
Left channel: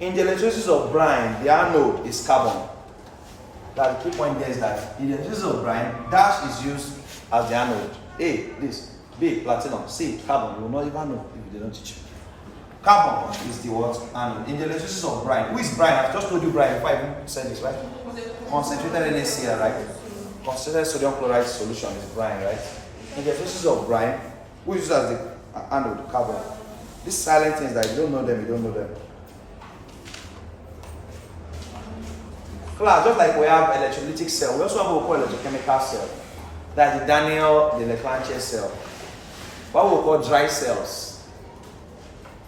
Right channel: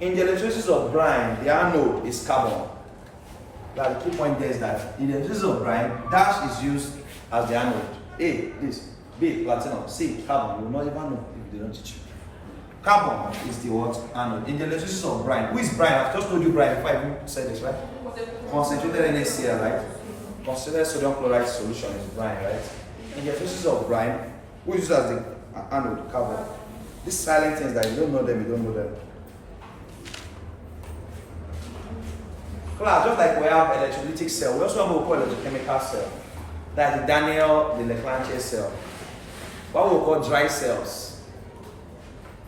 In the electrolysis of brine, the anode is carbon. That the key point there is that in the electrolysis of brine, dash is used as the anode. A, this. B, platinum. C, carbon. You will not even know if they don't teach you. Carbon is the what? Anode. In the electrolysis of brine. Who is brine? I've just told you brine before I even said this, right? Concentrated NaCl, right? Concentrated sodium chloride solution is brine, right? In the electrolysis of brine, who is used as the anode? Carbon. These silent things that you don't know them, you don't know them. Class, just like we have electrolytic cell, we also have what we call electrochemical cell. That's the Daniel, the Leclanche cell. What we call dry cells.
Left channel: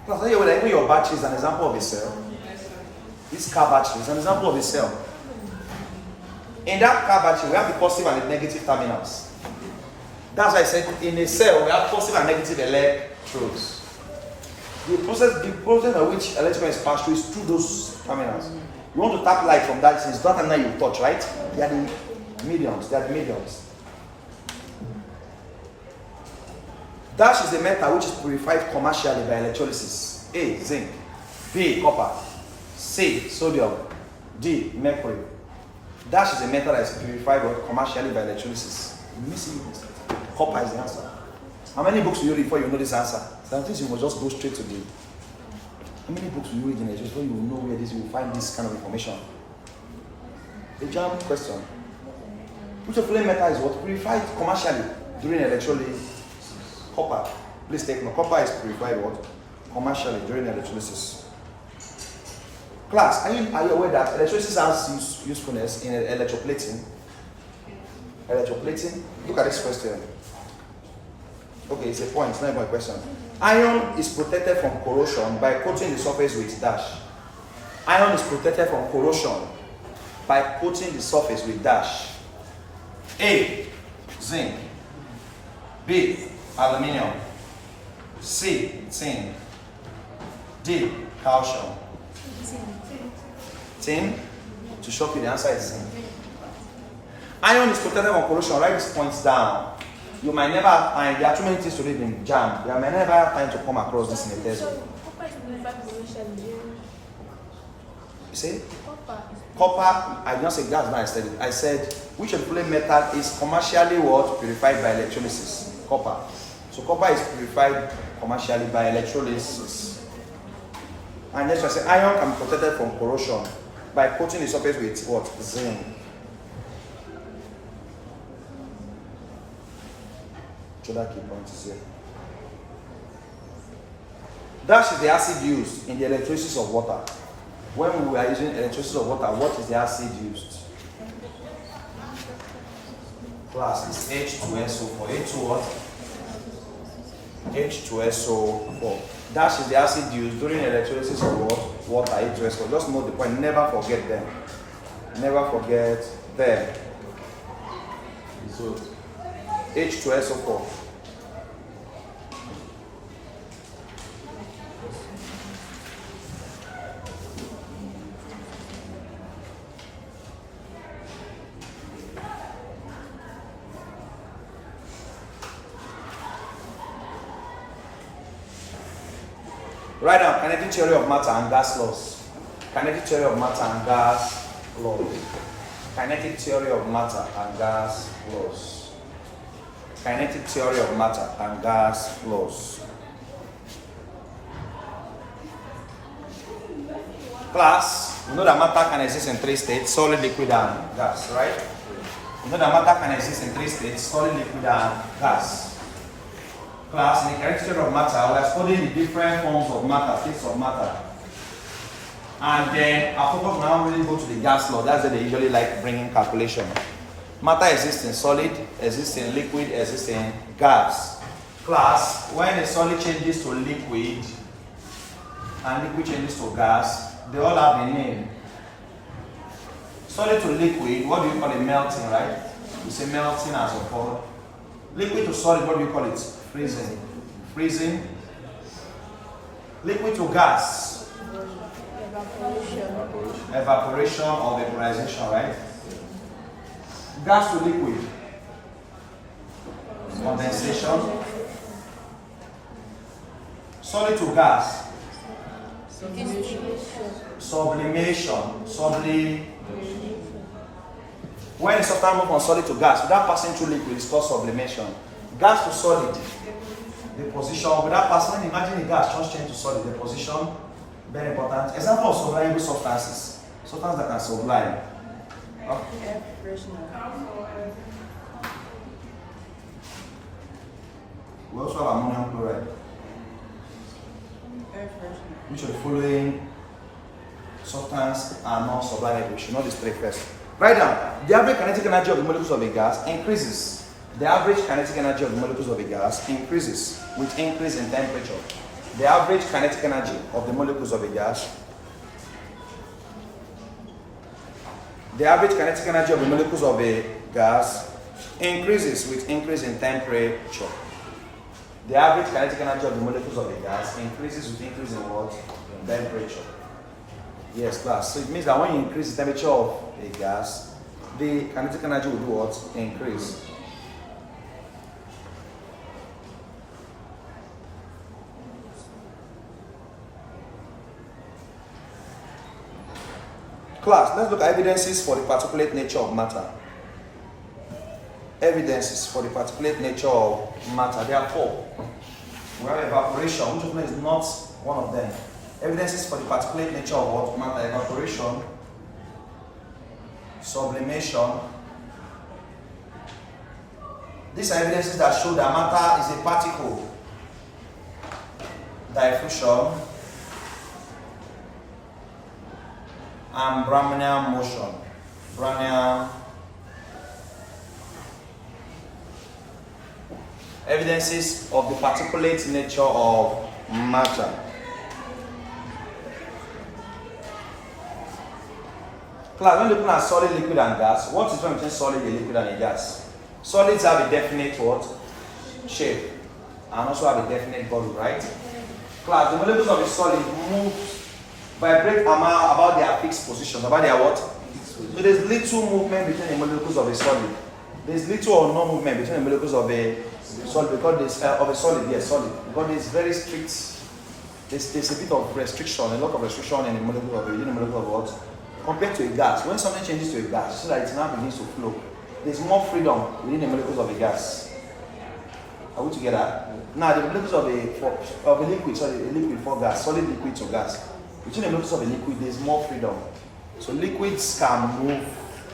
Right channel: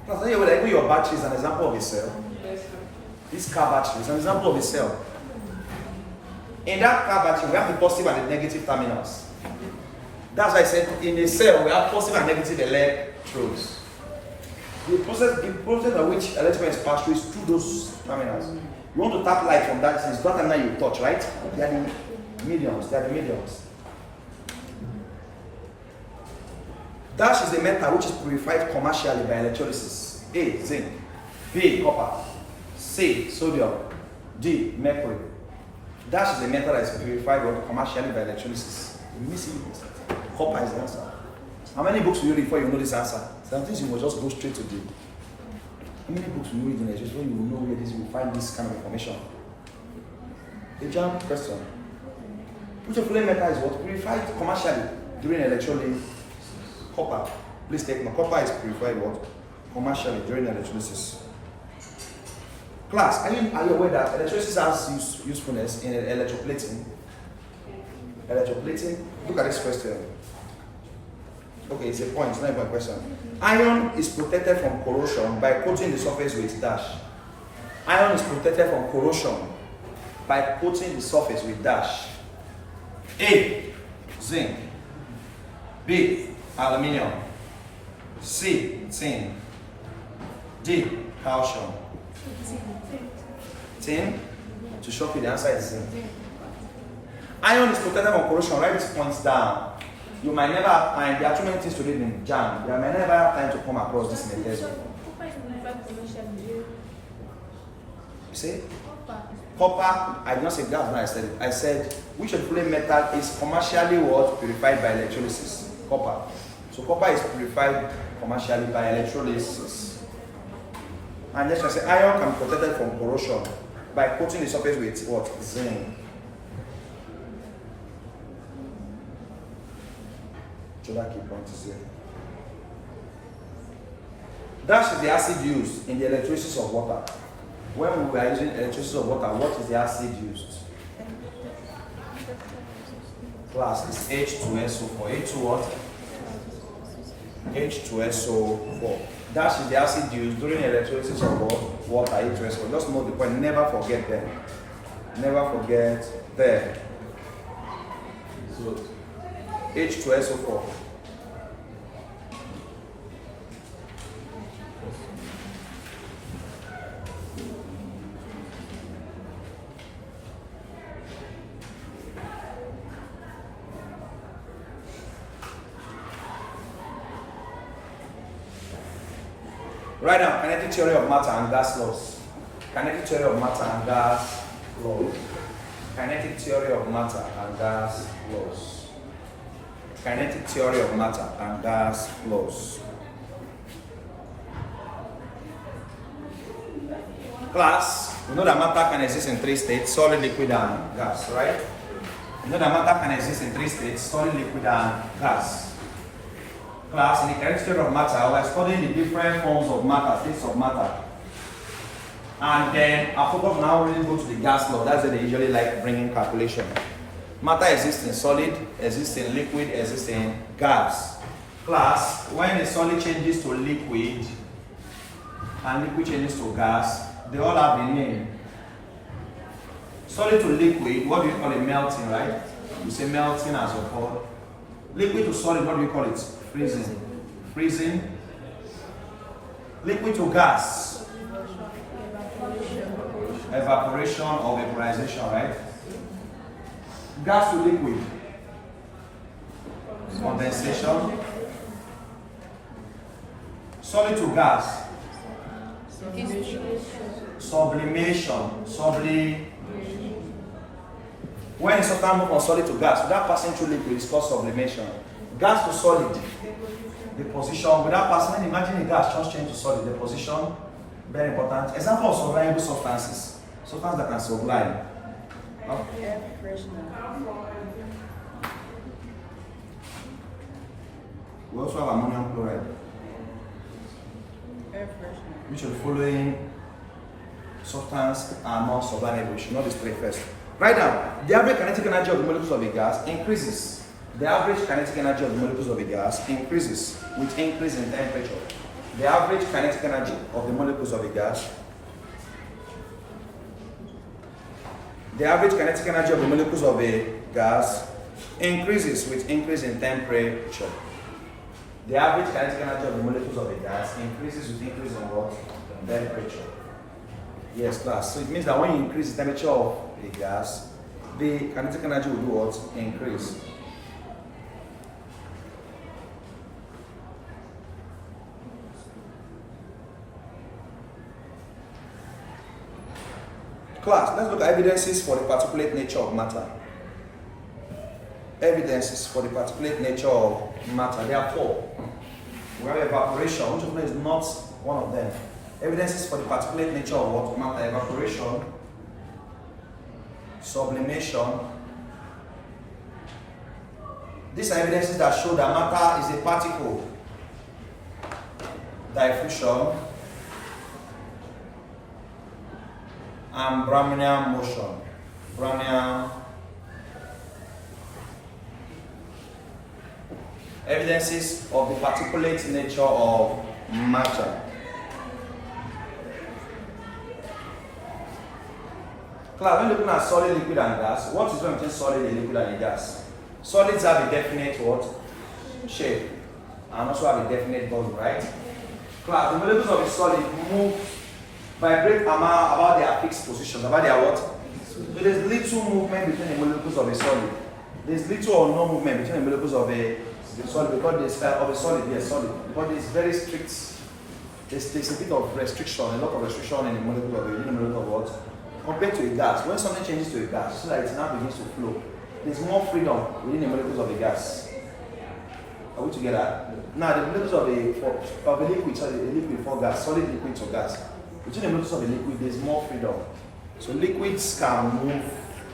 Class, here like your battery is an example of a cell. This car battery is an example of a cell. In that car battery, we have the positive and the negative terminals. That's why I said in a cell we have positive and negative electrodes. The process by which electron is passed through is through those terminals. You want to tap light from that distance, it's not something you touch, right? They are the mediums. They are the mediums. Dash is a metal which is purified commercially by electrolysis. A, zinc. B, copper. C, sodium. D, mercury. Dash is a metal that is purified commercially by electrolysis. Missing copper is the answer. How many books will you read before you know this answer? Sometimes you will just go straight to the. How many books will you read in education before you will know where this will find this kind of information? The Jamb question. Which of flame metal is what? Purified commercially during electrolysis. Copper. Please take note. Copper is purified what? Commercially during electrolysis. Class, are you aware that electrolysis has usefulness in electroplating? Electroplating. Look at this question. Okay, it's a point, it's not even a question. Iron is protected from corrosion by coating the surface with dash. Iron is protected from corrosion by coating the surface with dash. A. Zinc. B. Aluminium. C. Tin. D. Calcium. Tin. To shock you, the answer is zinc. Iron is protected from corrosion. Write these points down. You might never have time. There are too many things to read in Jamb. You might never have time to come across this in a test. You say? Copper, I did not say that's not I said it. I said which of the flame metal is commercially what? Purified by electrolysis. Copper. So copper is purified commercially by electrolysis. And next I say iron can be protected from corrosion by coating the surface with what? Zinc. So that key point is here. Dash is the acid used in the electrolysis of water. When we are using electrolysis of water, what is the acid used? Class is H2SO4. H2 what? H2SO4. Dash is the acid used during electrolysis of water, H2SO4. Just note the point, never forget them. Never forget them. So, H2SO4. Write down kinetic theory of matter and gas laws. Kinetic theory of matter and gas laws. Kinetic theory of matter and gas laws. Kinetic theory of matter and gas laws. Class, we know that matter can exist in three states: solid, liquid, and gas, right? We know that matter can exist in three states: solid, liquid, and gas. Class, in the kinetic theory of matter, we are studying the different forms of matter, states of matter. And then our focus now really go to the gas law. That's where they usually like bringing calculation. Matter exists in solid, exists in liquid, exists in gas. Class, when a solid changes to liquid and liquid changes to gas, they all have a name. Solid to liquid, what do you call it? Melting, right? You say melting as a whole. Liquid to solid, what do you call it? Freezing. Freezing. Liquid to gas. Evaporation or vaporization, right? Gas to liquid. Condensation. Solid to gas. Sublimation. When a substance moves from solid to gas without passing through liquid, it's called sublimation. Gas to solid, deposition. Without passing, imagine a gas just change to solid, deposition. Very important. Example of sublimable substances. Substances that can sublime. Air freshener. We also have ammonium chloride. Air freshener. Which of the following substances are not sublimable? We should not display first. Write down. The average kinetic energy of the molecules of a gas increases. The average kinetic energy of the molecules of a gas increases with increase in temperature. The average kinetic energy of the molecules of a gas. The average kinetic energy of the molecules of a gas increases with increase in temperature. The average kinetic energy of the molecules of a gas increases with increase in what? Temperature. Yes, class. So it means that when you increase the temperature of a gas, the kinetic energy will do what? Increase. Class, let's look at evidences for the particulate nature of matter. evidences for the particulate nature of matter. There are four. We have evaporation, which of them is not one of them. Evidences for the particulate nature of what? Matter. Evaporation, sublimation. These are evidences that show that matter is a particle. Diffusion and Brownian motion. Brownian evidences of the particulate nature of matter. Class, when looking at solid, liquid, and gas, what is the difference between solid, liquid, and a gas? Solids have a definite what? Shape, and also have a definite volume, right? Class, the molecules of a solid move, vibrate about their fixed positions, about their what? So there's little movement between the molecules of a solid. There's little or no movement between the molecules of a solid because because there's very strict. There's a bit of restriction, a lot of restriction in the molecule of what? Compared to a gas. When something changes to a gas, so that it now begins to flow, there's more freedom within the molecules of a gas. Are we together? Now the molecules of a liquid, sorry, a liquid for gas, solid liquid to gas. Between the molecules of a liquid, there's more freedom. So liquids can move,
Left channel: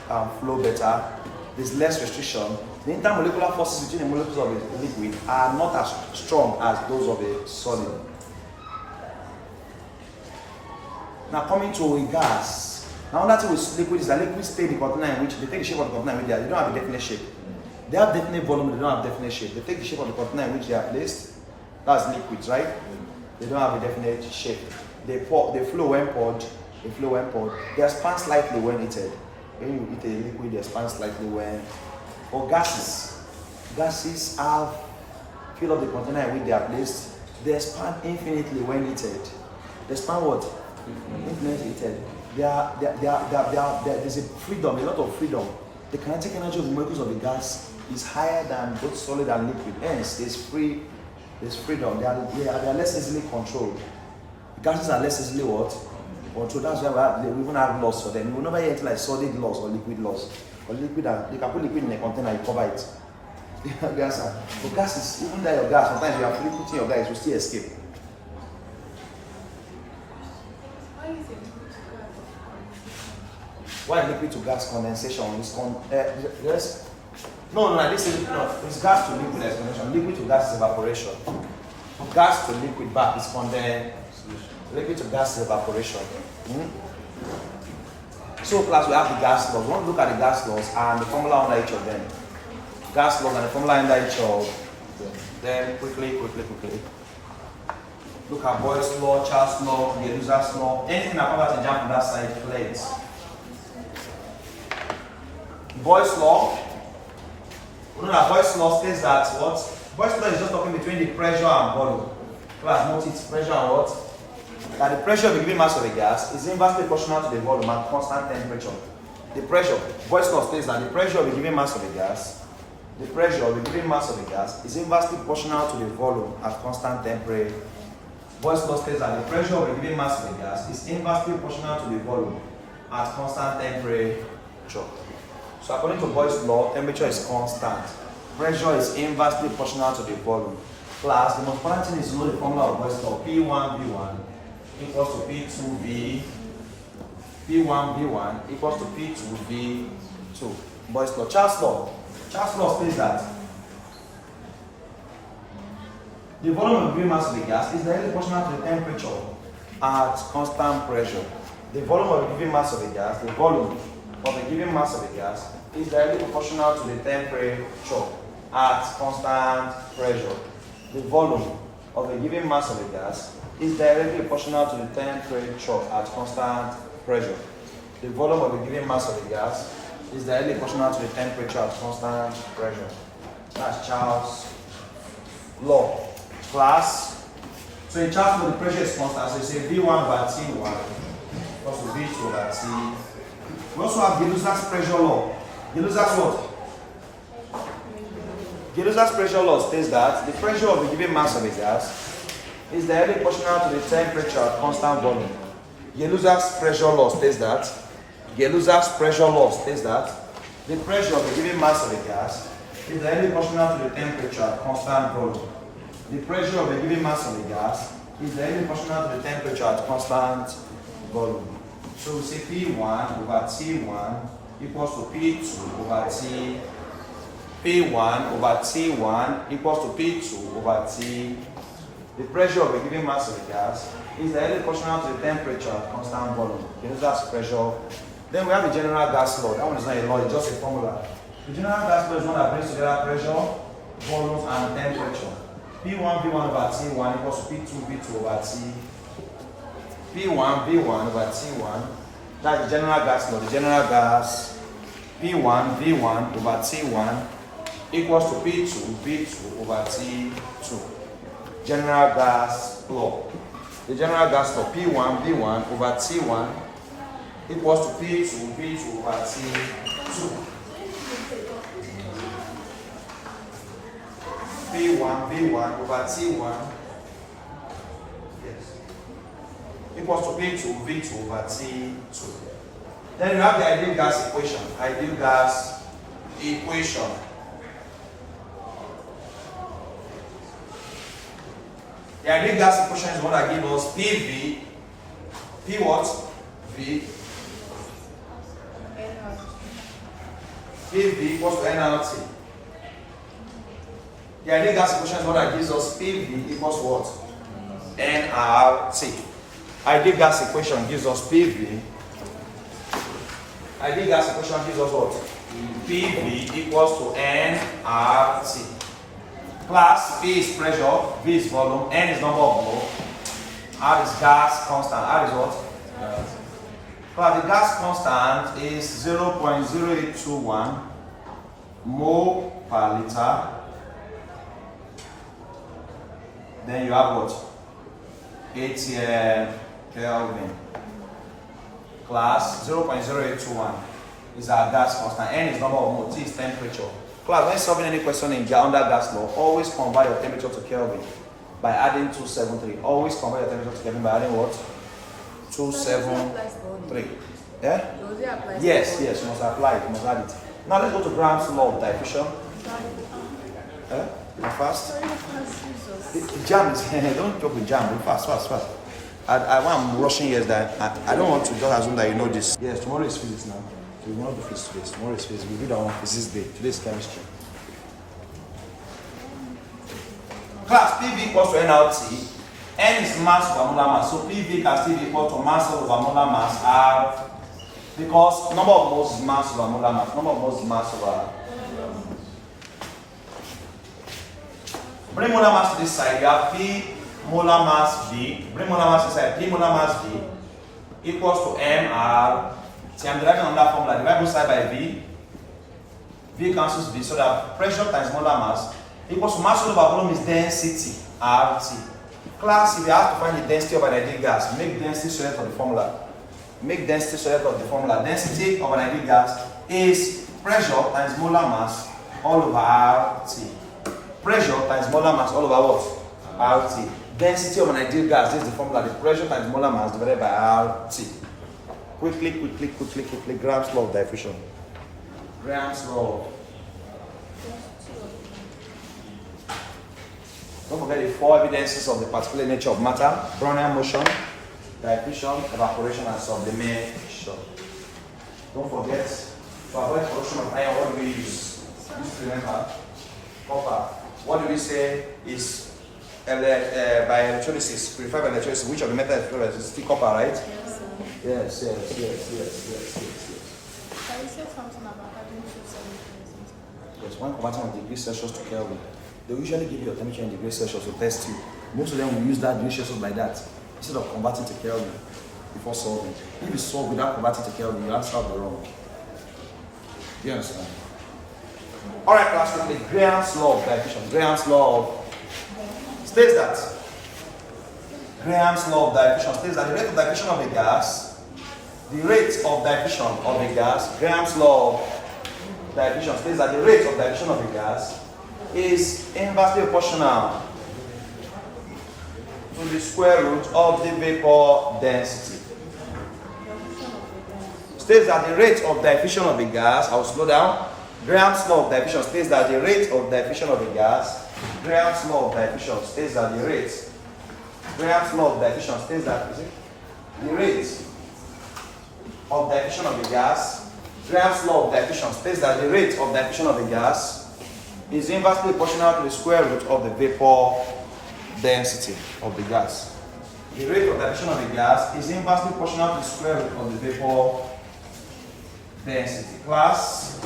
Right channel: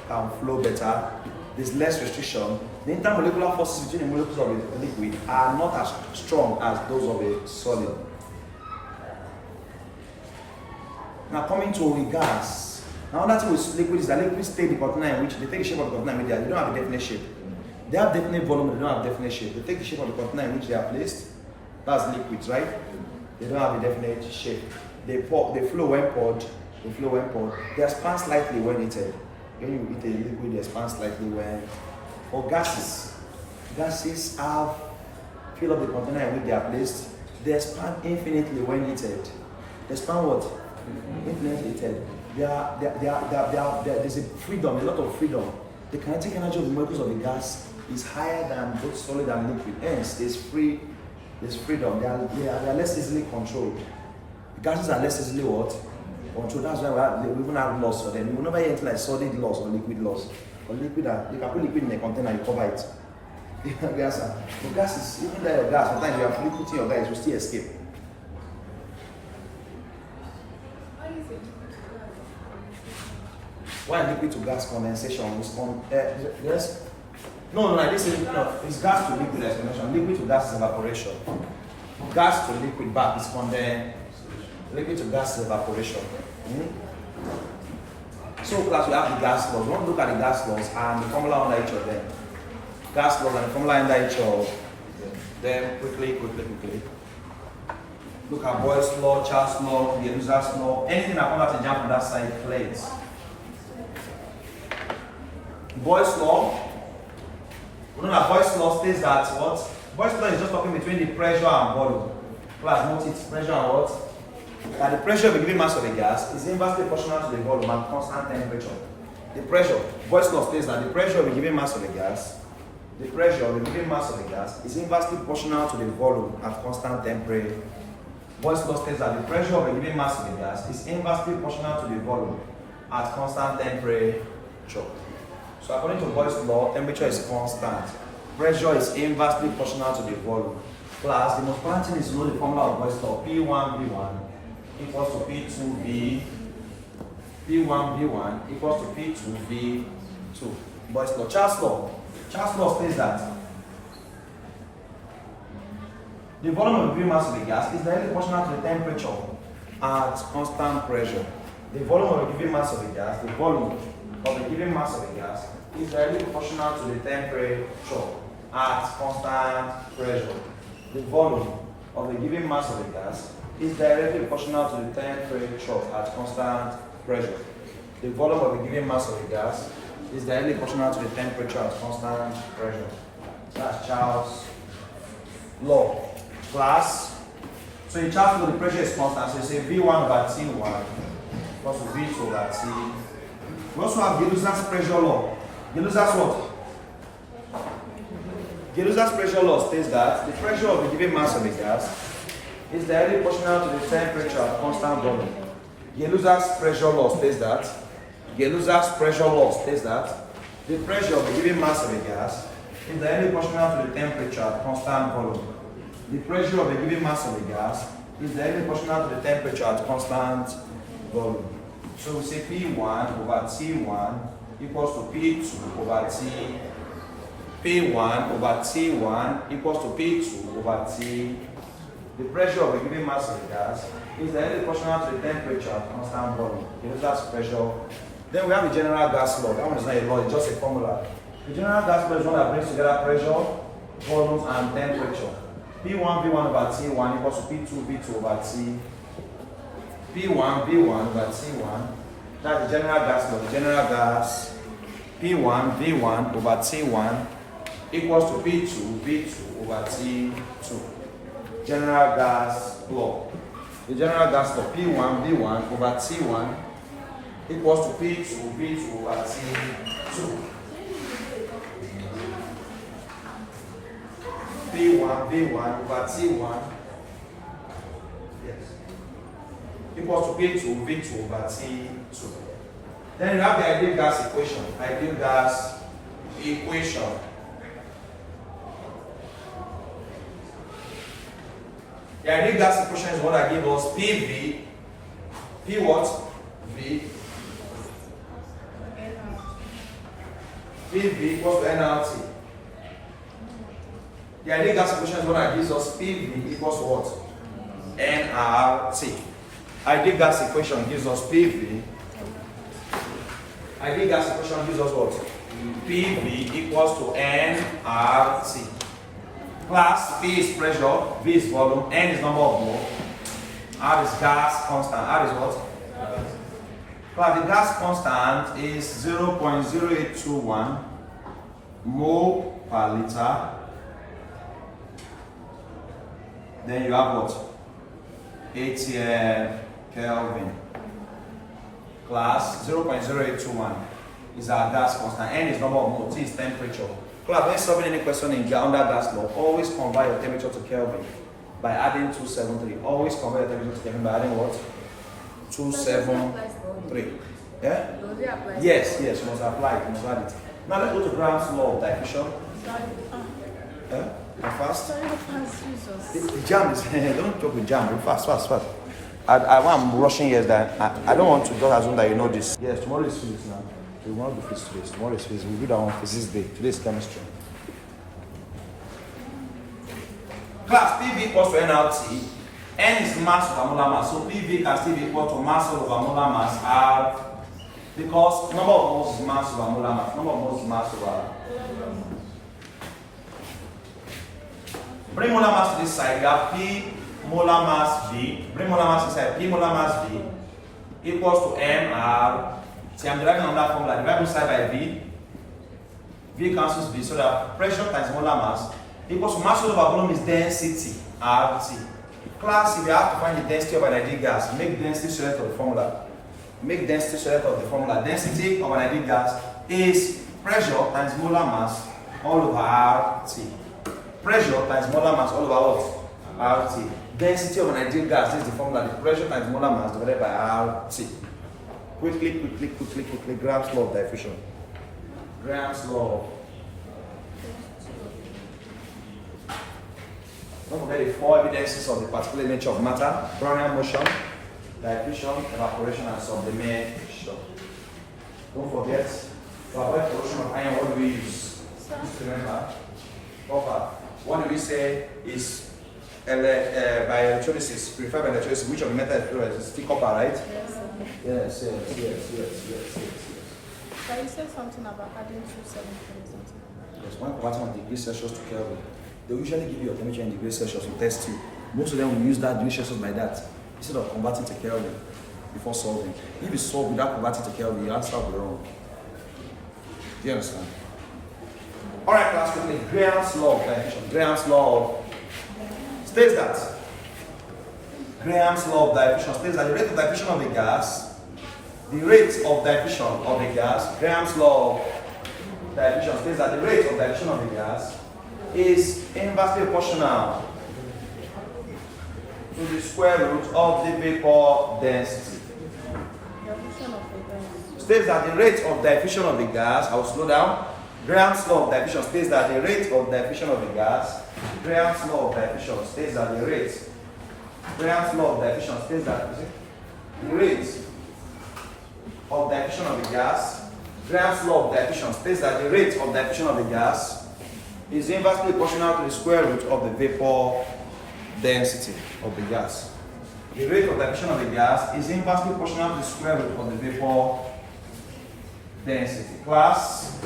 can flow better. There's less restriction. The intermolecular forces between the molecules of a liquid are not as strong as those of a solid. Now coming to a gas. Now that with liquid is that liquids take the container in which they take the shape of the container in which they don't have a definite shape. They have definite volume, they don't have definite shape. They take the shape of the container in which they are placed. That's liquids, right? They don't have a definite shape. They flow when poured. They flow when poured. They expand slightly when heated. When you eat a liquid, they expand slightly when. For gases have fill up the container in which they are placed. They expand infinitely when heated. They expand what? Infinitely heated. There's a freedom, a lot of freedom. The kinetic energy of the molecules of the gas is higher than both solid and liquid. Hence, there's freedom. They are less easily controlled. Gases are less easily what? Controlled. That's why we even have laws for them. You will never hear anything like solid laws or liquid laws. For liquid, you can put liquid in a container, you cover it. The answer. For gases, even though your gas, sometimes you have fully put in your gas, it will still escape. Why liquid to gas condensation is it's gas to liquid condensation. Liquid to gas is evaporation. Gas to liquid back is condensation. Liquid to gas is evaporation. So class, we have the gas laws. We want to look at the gas laws and the formula under each of them. Gas laws and the formula under each of them quickly. Look at Boyle's law, Charles' law, Geluza's law. Anything that comes out to jump on that side, play it. Boyle's law. We know that Boyle's law states that what? Boyle's law is just talking between the pressure and volume. Class, note it, pressure and what? That the pressure of a given mass of a gas is inversely proportional to the volume at constant temperature. The pressure, Boyle's law states that the pressure of a given mass of a gas, is inversely proportional to the volume at constant temperature. Boyle's law states that the pressure of a given mass of a gas is inversely proportional to the volume at constant temperature. So according to Boyle's law, temperature is constant. Pressure is inversely proportional to the volume. Class, the most important thing is to know the formula of Boyle's law. P1V1 equals to P2V. P1V1 equals to P2V2. Boyle's law. Charles' law states that the volume of a given mass of a gas is directly proportional to the temperature at constant pressure. The volume of a given mass of a gas, is directly proportional to the temperature at constant pressure. The volume of a given mass of a gas is directly proportional to the temperature at constant pressure. The volume of a given mass of a gas is directly proportional to the temperature at constant pressure. That's Charles' law. Class. So in Charles' law, the pressure is constant. So you say V1 over T1 equals to V2 over T. We also have Geluza's pressure law. Geluza's what? Geluza's pressure law states that the pressure of a given mass of a gas is directly proportional to the temperature at constant volume. Geluza's pressure law states that the pressure of a given mass of a gas is directly proportional to the temperature at constant volume. The pressure of a given mass of a gas is directly proportional to the temperature at constant volume. So we say P1 over T1 equals to P2 over T. P1 over T1 equals to P2 over T. The pressure of a given mass of a gas is directly proportional to the temperature at constant volume. You know, that's pressure. Then we have the general gas law. That one is not a law, it's just a formula. The general gas law is one that brings together pressure, volume, and temperature. P1 V1 over T1 equals to P2 V2 over T. P1 V1 over T1. That's the general gas law. The general gas P1 V1 over T1 equals to P2 V2 over T2. General gas law. The general gas law P1 V1 over T1 equals to P2 V2 over T2. P1 V1 over T1 equals to P2 V2 over T2. Then you have the ideal gas equation. Ideal gas equation. The ideal gas equation is what I give us PV. P what? V. PV equals to nRT. The ideal gas equation is what that gives us PV equals to what? nRT. Ideal gas equation gives us PV. Ideal gas equation gives us what? PV equals to nRT. Class P is pressure, V is volume, N is number of mole, R is gas constant. R is what? Class the gas constant is 0.0821 mole per liter. Then you have what? 80 Kelvin. Class 0.0821 is our gas constant. N is number of moles. T is temperature. Class, when solving any question in under gas law, always convert your temperature to Kelvin by adding 273. Always convert your temperature to Kelvin by adding what? 273. Yeah? Does it apply? Yes, yes, you must apply it. You must add it. Now let's go to Graham's law of diffusion. Fast. The Jamb is don't joke with Jamb. Fast. I'm rushing here that I don't want to just assume that you know this. Yes, tomorrow is physics now. So we want to do physics today. Tomorrow is physics. We do that on physics day. Today is chemistry. Class PV equals to nRT. N is mass over molar mass. So PV can still be equal to mass over molar mass R, because number of moles is mass over molar mass. Number of moles is mass over R. Bring molar mass to this side. You have P molar mass V. Bring molar mass inside. P molar mass V equals to MR. See, I'm deriving on that formula. Divide both side by V. V cancels V, so that pressure times molar mass equals to mass over volume is density RT. Class, if you have to find the density of an ideal gas, make density select of the formula. Make density select of the formula. Density of an ideal gas is pressure times molar mass all over RT. Pressure times molar mass all over what? RT. Density of an ideal gas, this is the formula. The pressure times molar mass divided by RT. Quickly. Graham's law of diffusion. Graham's law. Don't forget the four evidences of the particular nature of matter: Brownian motion, diffusion, evaporation, and sublimation. Don't forget, to avoid corrosion of iron, what do we use? Just remember, copper. What do we say is by electrolysis, preferred by electrolysis? Which of the methods of electrolysis? Still copper, right? Yes. Yes. Can you say something about adding 273? Yes, one converting of degrees Celsius to Kelvin. They usually give you a temperature in degrees Celsius to test you. Most of them will use that degrees Celsius like that instead of converting to Kelvin before solving. If you solve without converting to Kelvin, your answer will be wrong. Do you understand? Alright, class, quickly. Graham's law of diffusion. Graham's law states that the rate of diffusion of a gas, Graham's law of diffusion states that the rate of diffusion of a gas is inversely proportional to the square root of the vapor density. States that the rate of diffusion of the gas, I will slow down. Graham's law of diffusion states that the rate of diffusion of a gas, Graham's law of diffusion states that the rate, Graham's law of diffusion states that the rate of diffusion of a gas, Graham's law of diffusion states that the rate of diffusion of a gas is inversely proportional to the square root of the vapor density of the gas. The rate of diffusion of a gas is inversely proportional to the square root of the vapor density. Class,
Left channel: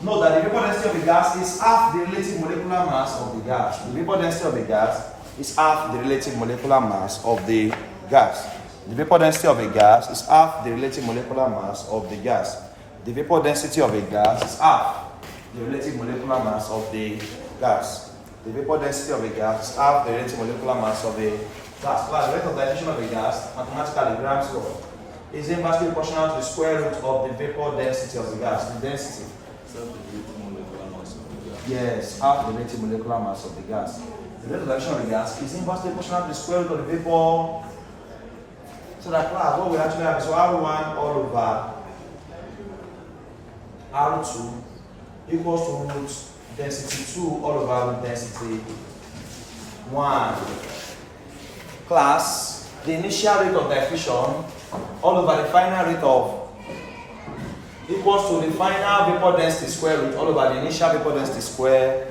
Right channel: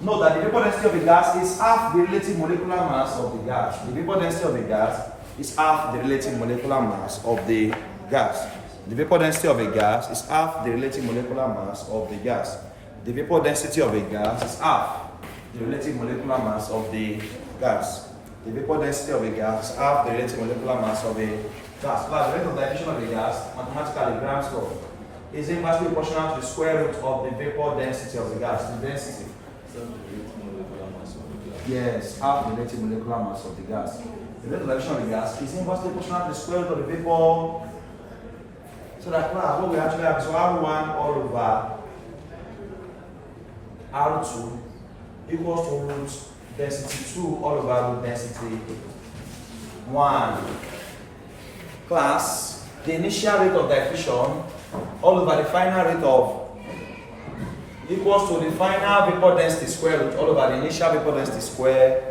note that the vapor density of a gas is half the relative molecular mass of the gas. The vapor density of a gas is half the relative molecular mass of the gas. The vapor density of a gas is half the relative molecular mass of the gas. The vapor density of a gas is half the relative molecular mass of the gas. The vapor density of a gas is half the relative molecular mass of the gas. Plus, the rate of diffusion of a gas, mathematically, Graham's law, is inversely proportional to the square root of the vapor density of the gas. The density. Yes, half the relative molecular mass of the gas. The rate of diffusion of the gas is inversely proportional to the square root of the vapor. So that class, what we actually have is R1 all over R2 equals to root density 2 all over root density 1. Class, the initial rate of diffusion all over the final rate of equals to the final vapor density square root all over the initial vapor density square.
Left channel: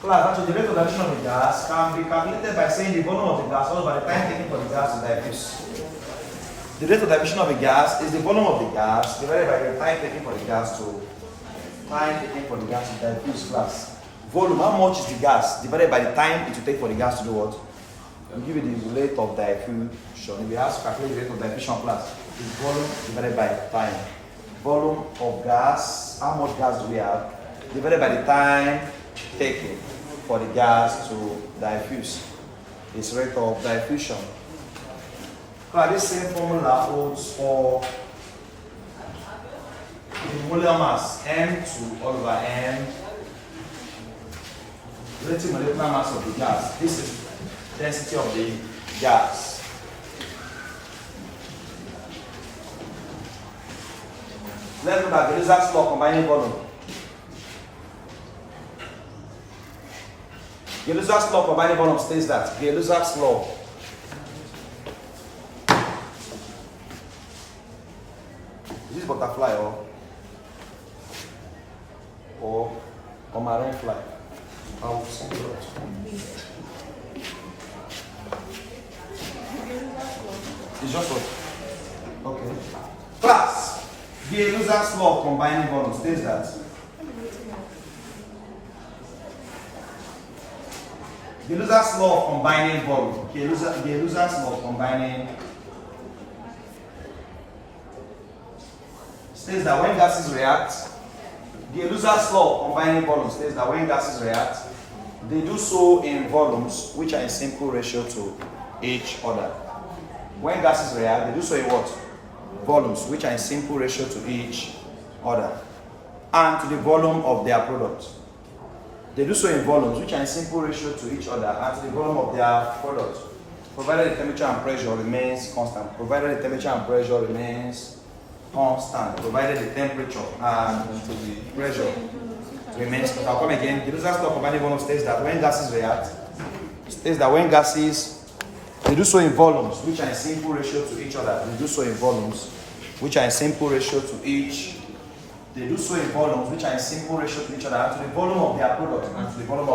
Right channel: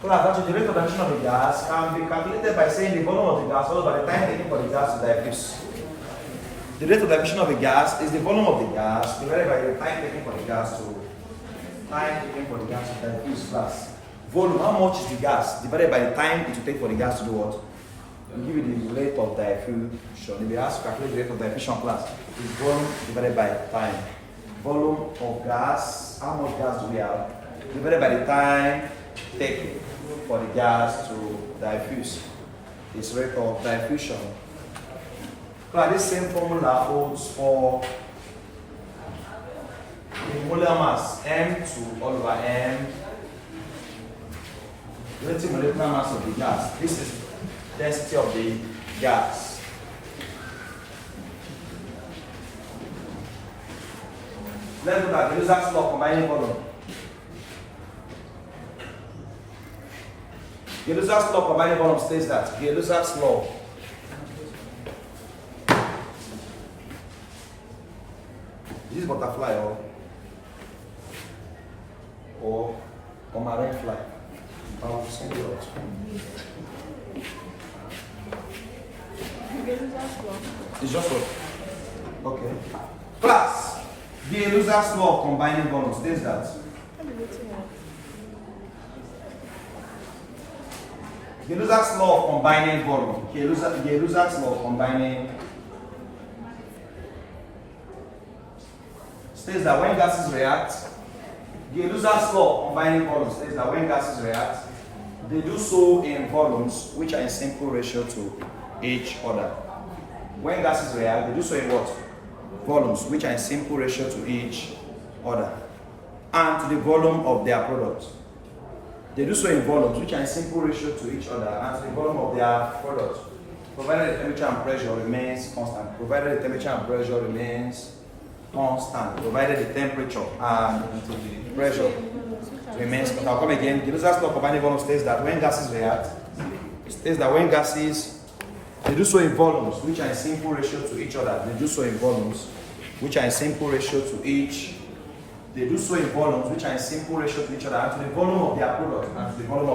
Class, actually the rate of diffusion of the gas can be calculated by saying the volume of the gas all over the time taken for the gas to diffuse. The rate of diffusion of the gas is the volume of the gas divided by the time taken for the gas to diffuse. Class. Volume, how much is the gas divided by the time it will take for the gas to do what? We'll give you the rate of diffusion. If you ask calculate the rate of diffusion, class, is volume divided by time. Volume of gas, how much gas do we have? Divided by the time taken for the gas to diffuse. Is rate of diffusion. Class, this same formula holds for the molar mass M2 all over M, relative molecular mass of the gas. This is density of the gas. Let's look at the Lizard's law combining volume. The Lizard's law combining volume states that the Lizard's law is butterfly or marine fly. I will send it out. It's just what? Okay. Class, the Lizard's law of combining volume states that the Lizard's law of combining volume. The Lizard's law of combining states that when gases react, the Lizard's law of combining volumes states that when gases react, they do so in volumes which are in simple ratio to each other. When gases react, they do so in what? Volumes which are in simple ratio to each other and to the volume of their product. They do so in volumes which are in simple ratio to each other and to the volume of their product, provided the temperature and pressure remains constant. Provided the temperature and pressure remains constant. Provided the temperature and pressure remains constant. I'll come again. The Lizard's law of combining volume states that when gases react, they do so in volumes which are in simple ratio to each other. They do so in volumes which are in simple ratio to each. They do so in volumes which are in simple ratio to each other and to the volume of their product and to the volume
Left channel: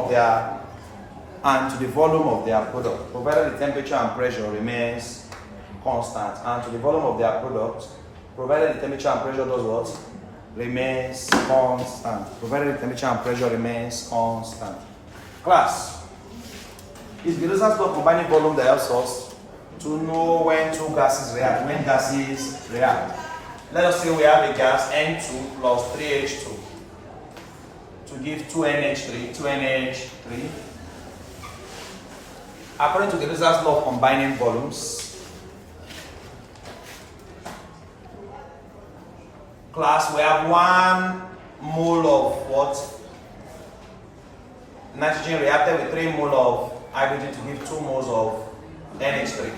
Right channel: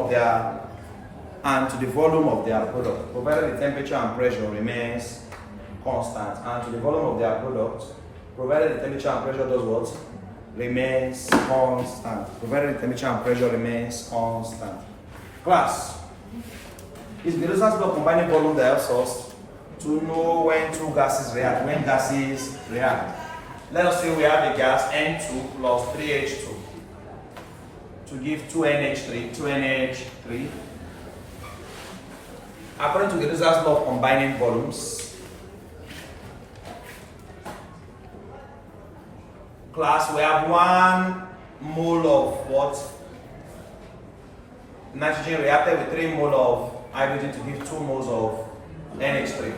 of their product, provided the temperature and pressure remains constant, and to the volume of their product, provided the temperature and pressure does what? Remains constant. Provided the temperature and pressure remains constant. Class, is the Lizard's law of combining volume that helps us to know when two gases react. When gases react. Let us say we have a gas N2 plus 3H2 to give 2NH3. According to the Lizard's law of combining volumes, class, we have 1 mole of what? Nitrogen reacted with 3 mole of hydrogen to give 2 moles of NH3.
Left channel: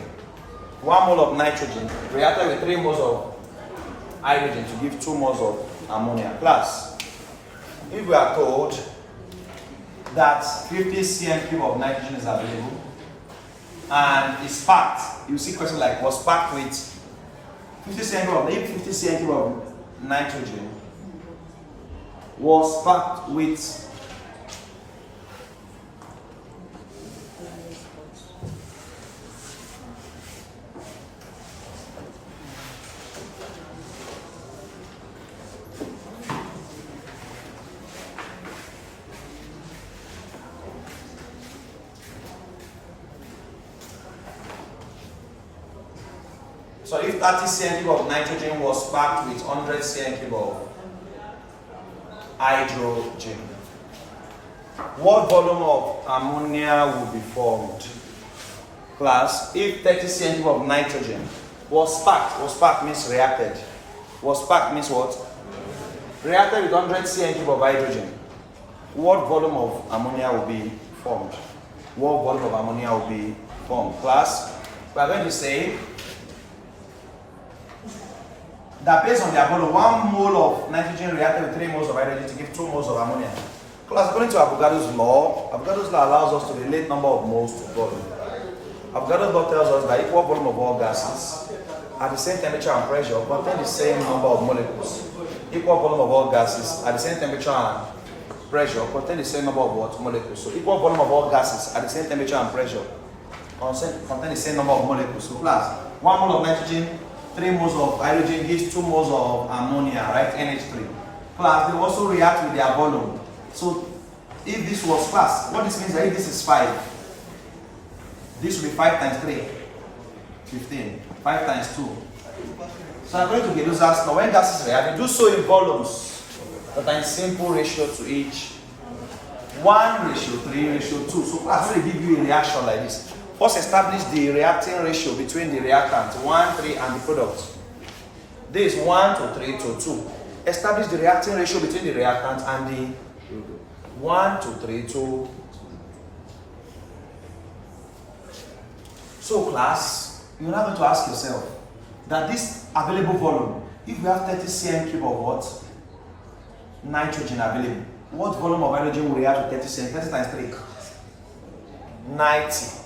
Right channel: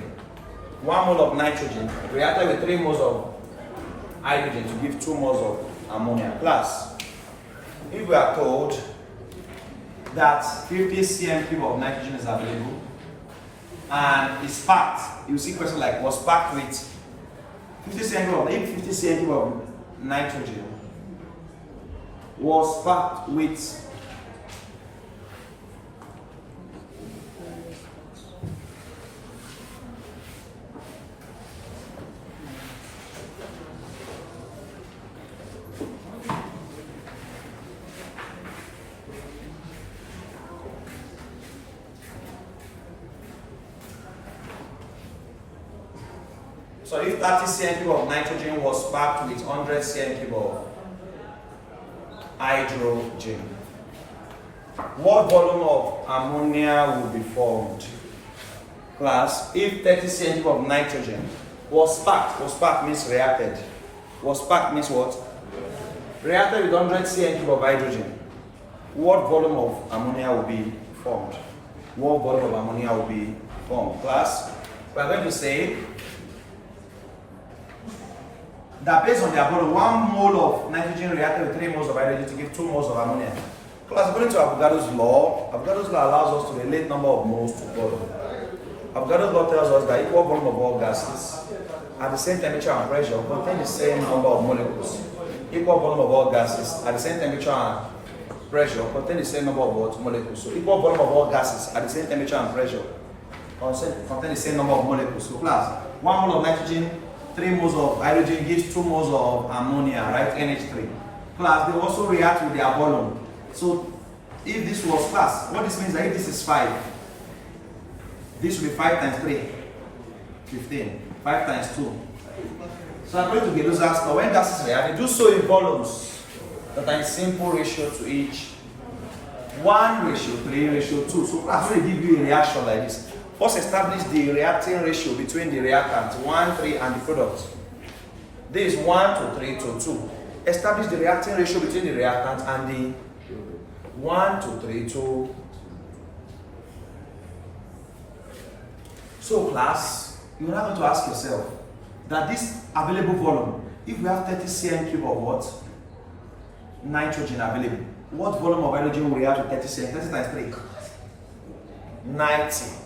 1 mole of nitrogen reacted with 3 moles of hydrogen to give 2 moles of ammonia. Class, if we are told that 50 cm cube of nitrogen is available and it's packed, you see question like was packed with 50 cm cube of nitrogen was packed with so if 30 cm cube of nitrogen was packed with 100 cm cube of hydrogen, what volume of ammonia will be formed? Class, if 30 cm cube of nitrogen was packed means reacted. Was packed means what? Reacted with 100 cm cube of hydrogen. What volume of ammonia will be formed? What volume of ammonia will be formed? Class, we are going to say that based on their volume, 1 mole of nitrogen reacted with 3 moles of hydrogen to give 2 moles of ammonia. Class, according to Avogadro's law allows us to relate number of moles to volume. Avogadro's law tells us that equal volume of all gases at the same temperature and pressure contain the same number of molecules. Equal volume of all gases at the same temperature and pressure contain the same number of what? Molecules. So equal volume of all gases at the same temperature and pressure contain the same number of molecules. So class, 1 mole of nitrogen, 3 moles of hydrogen gives 2 moles of ammonia, right? NH3. Class, they also react with their volume. So if this was class, what this means is that if this is 5, this will be 5 times 3, 15. 5 times 2. So according to Gedosa's law, when gases react, they do so in volumes that are in simple ratio to each. 1:3:2. So class will give you a reaction like this. First, establish the reacting ratio between the reactant 1, 3 and the product. This is 1:3:2. Establish the reacting ratio between the reactant and the 1:3:2. So class, you're now going to ask yourself that this available volume, if we have 30 cm cube of what? Nitrogen available, what volume of hydrogen will react to 30 cm? 30 times 3? 90.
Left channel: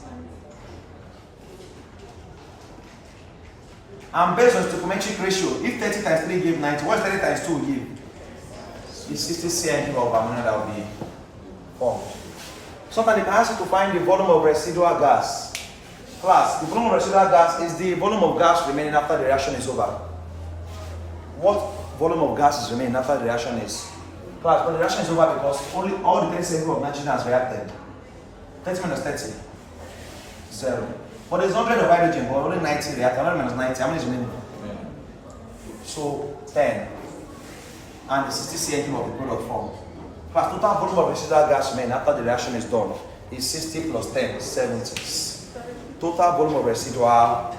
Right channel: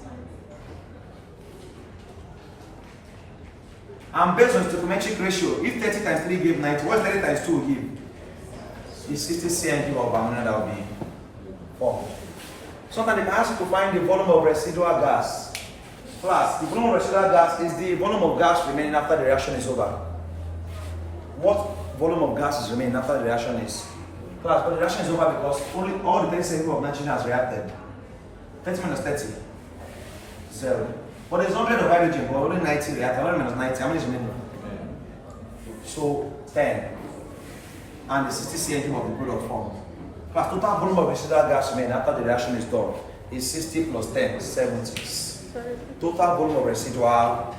And based on stoichiometric ratio, if 30 times 3 give 90, what 30 times 2 will give? It's 60 cm cube of ammonia that will be formed. Sometimes they can ask you to find the volume of residual gas. Class, the volume of residual gas is the volume of gas remaining after the reaction is over. What volume of gas is remaining after the reaction is? Class, but the reaction is over because only all the 30 cm of nitrogen has reacted. 30 minus 30, 0. But there's 100 of hydrogen, but only 90 reacted. 100 minus 90, how many is remaining? So 10. And the 60 cm of the product formed. Class, total volume of residual gas remaining after the reaction is done is 60 plus 10, 70. Total volume of residual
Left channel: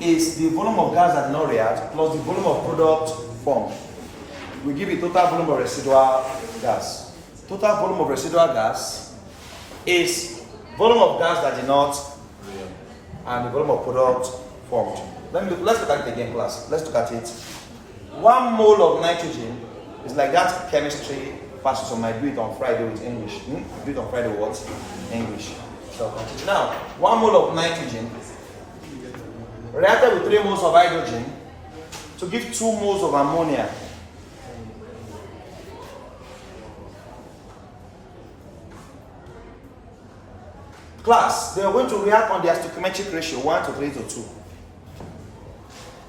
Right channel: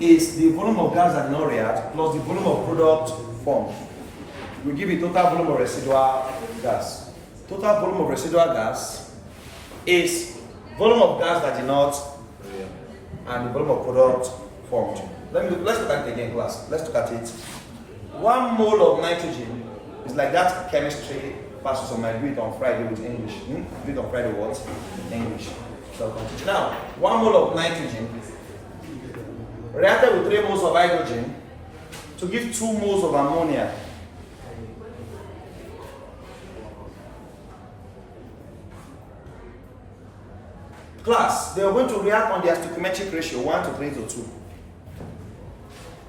is the volume of gas that did not react plus the volume of product formed. We give you total volume of residual gas. Total volume of residual gas is volume of gas that did not and the volume of product formed. Let's look at it again, class. Let's look at it. 1 mole of nitrogen is like that chemistry passes on my do it on Friday with English. Do it on Friday what? English. So now, 1 mole of nitrogen reacted with 3 moles of hydrogen to give 2 moles of ammonia. Class, they are going to react on their stoichiometric ratio 1:3:2.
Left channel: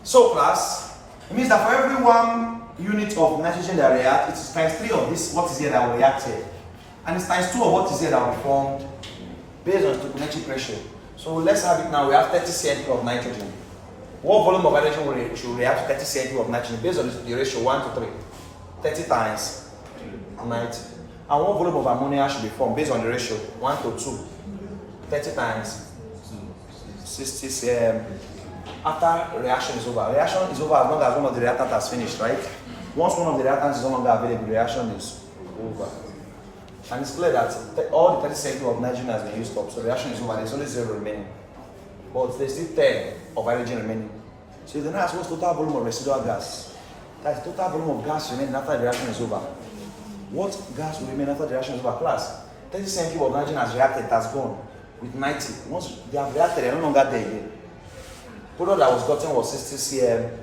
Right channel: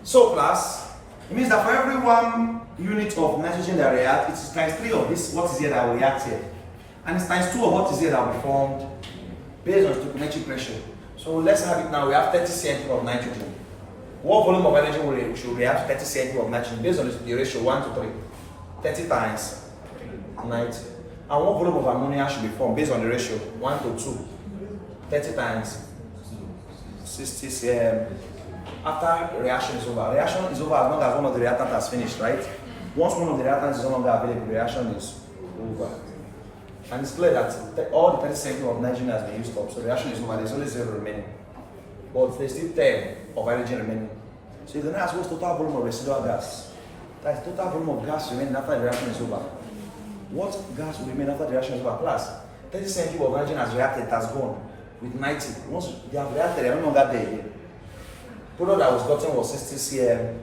So class, it means that for every 1 unit of nitrogen that react, it's times 3 of this what is here that will react here. And it's times 2 of what is here that will be formed based on stoichiometric ratio. So let's have it now. We have 30 cm of nitrogen. What volume of hydrogen will react to 30 cm of nitrogen based on the ratio 1:3? 30 times 90. And what volume of ammonia should be formed based on the ratio 1:2? 30 times 60 cm. After reaction is over. Reaction is over as long as one of the reactants has finished, right? Once one of the reactants is no longer available, the reaction is over. And it's clear that all the 30 cm of nitrogen has been used up, so the reaction is over. There's only 0 remaining. But there's still 10 of hydrogen remaining. So you can ask what's total volume of residual gas? That's total volume of gas remaining after the reaction is over. What gas will remain after the reaction is over? Class, 30 cm cube of nitrogen has reacted, it has gone with 90. Once they have reacted, they are no longer there again. Product that was gotten was 60 cm,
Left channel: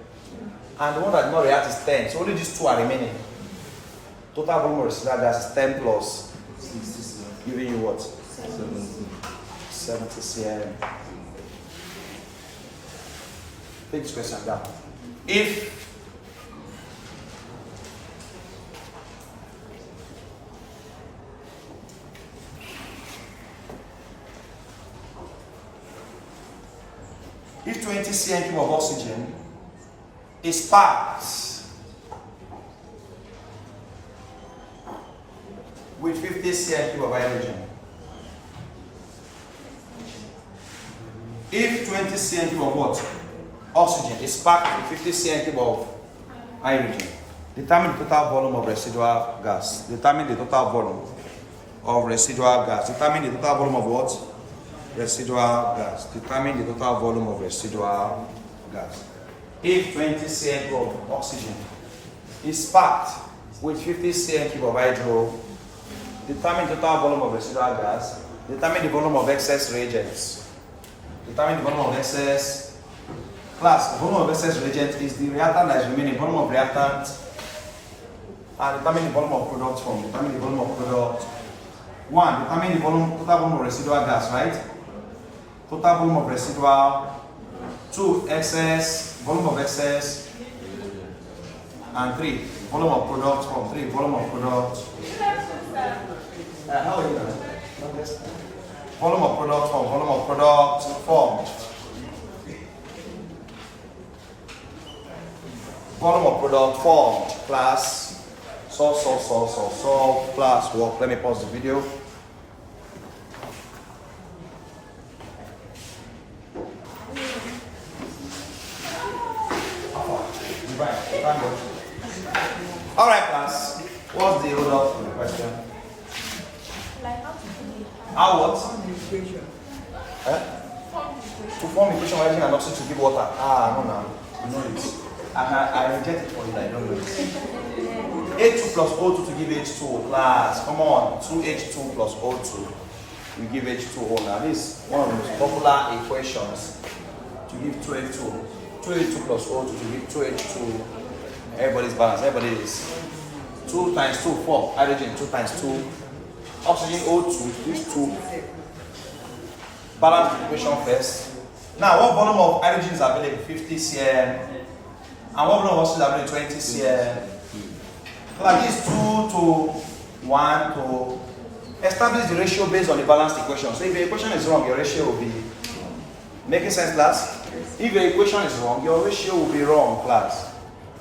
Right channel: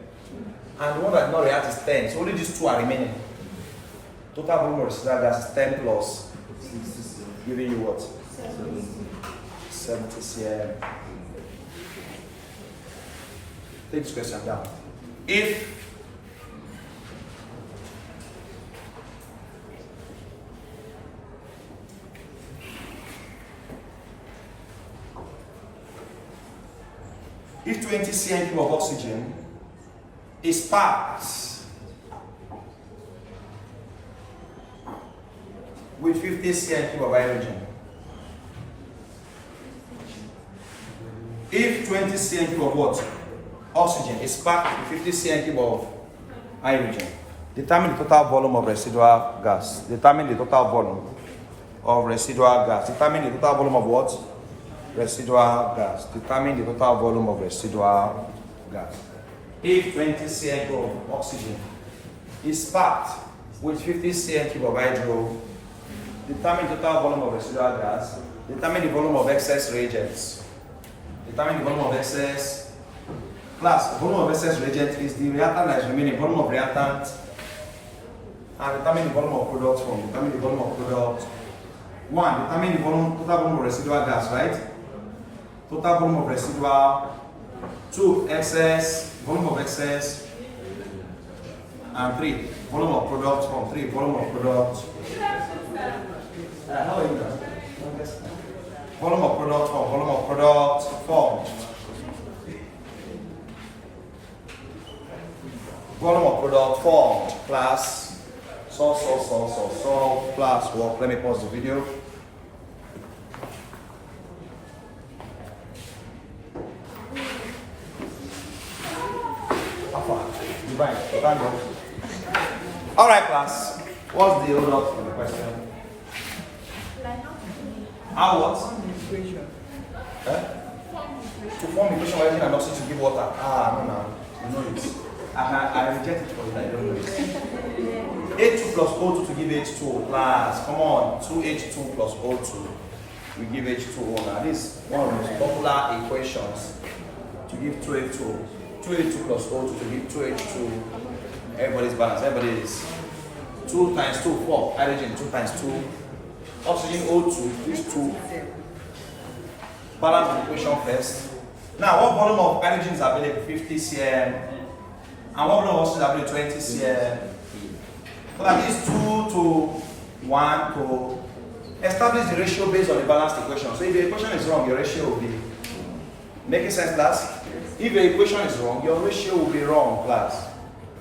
and the one that did not react is 10. So only these two are remaining. Total volume of residual gas is 10 plus 60 cm, giving you what? 70 cm. Take this question down. If 20 cm cube of oxygen is packed with 50 cm cube of hydrogen, if 20 cm cube of what? Oxygen is packed with 50 cm cube of hydrogen, determine the total volume of residual gas. Determine the total volume of residual gas. Determine the total volume of what? Residual gas. Determine the total volume of residual gas. If 20 cm cube of oxygen is packed with 50 cm cube of hydro, determine the total volume of residual gas. Determine the volume of excess reagents. Determine the volume of excess. Class, the volume of excess reagent is the reactant that is remaining, volume of reactant, and determine the volume of product form. Determine the volume of product. 1. Determine the volume, total volume of residual gas, right? Total volume of residual. 2. Excess, volume of excess. And 3. Volume of product form. 3. Volume of product. How are you doing? Volume of product form. Volume of product form. Volume of product formed. Class, so, class work. Let me pause the video. Alright, class. What's the hold up in the question? How what? Equation. To form equation of hydrogen and oxygen to give water. No. You know it. I reject it for you, I don't know it. H2 plus O2 to give H2O. Class, come on. 2H2 plus O2 we give H2O. Now this is one of the most popular equations to give 2H2. 2H2 plus O2 to give 2H2. Everybody's balanced. Everybody is 2 times 2, 4. Hydrogen 2 times 2. Oxygen O2, these two. Balance the equation first. Now, what volume of hydrogen is available? 50 cm. And what volume of oxygen is available? 20 cm. So like this 2 to 1 to establish the ratio based on the balanced equation. So if the equation is wrong, your ratio will be making sense, class? If your equation is wrong, your ratio will be wrong, class.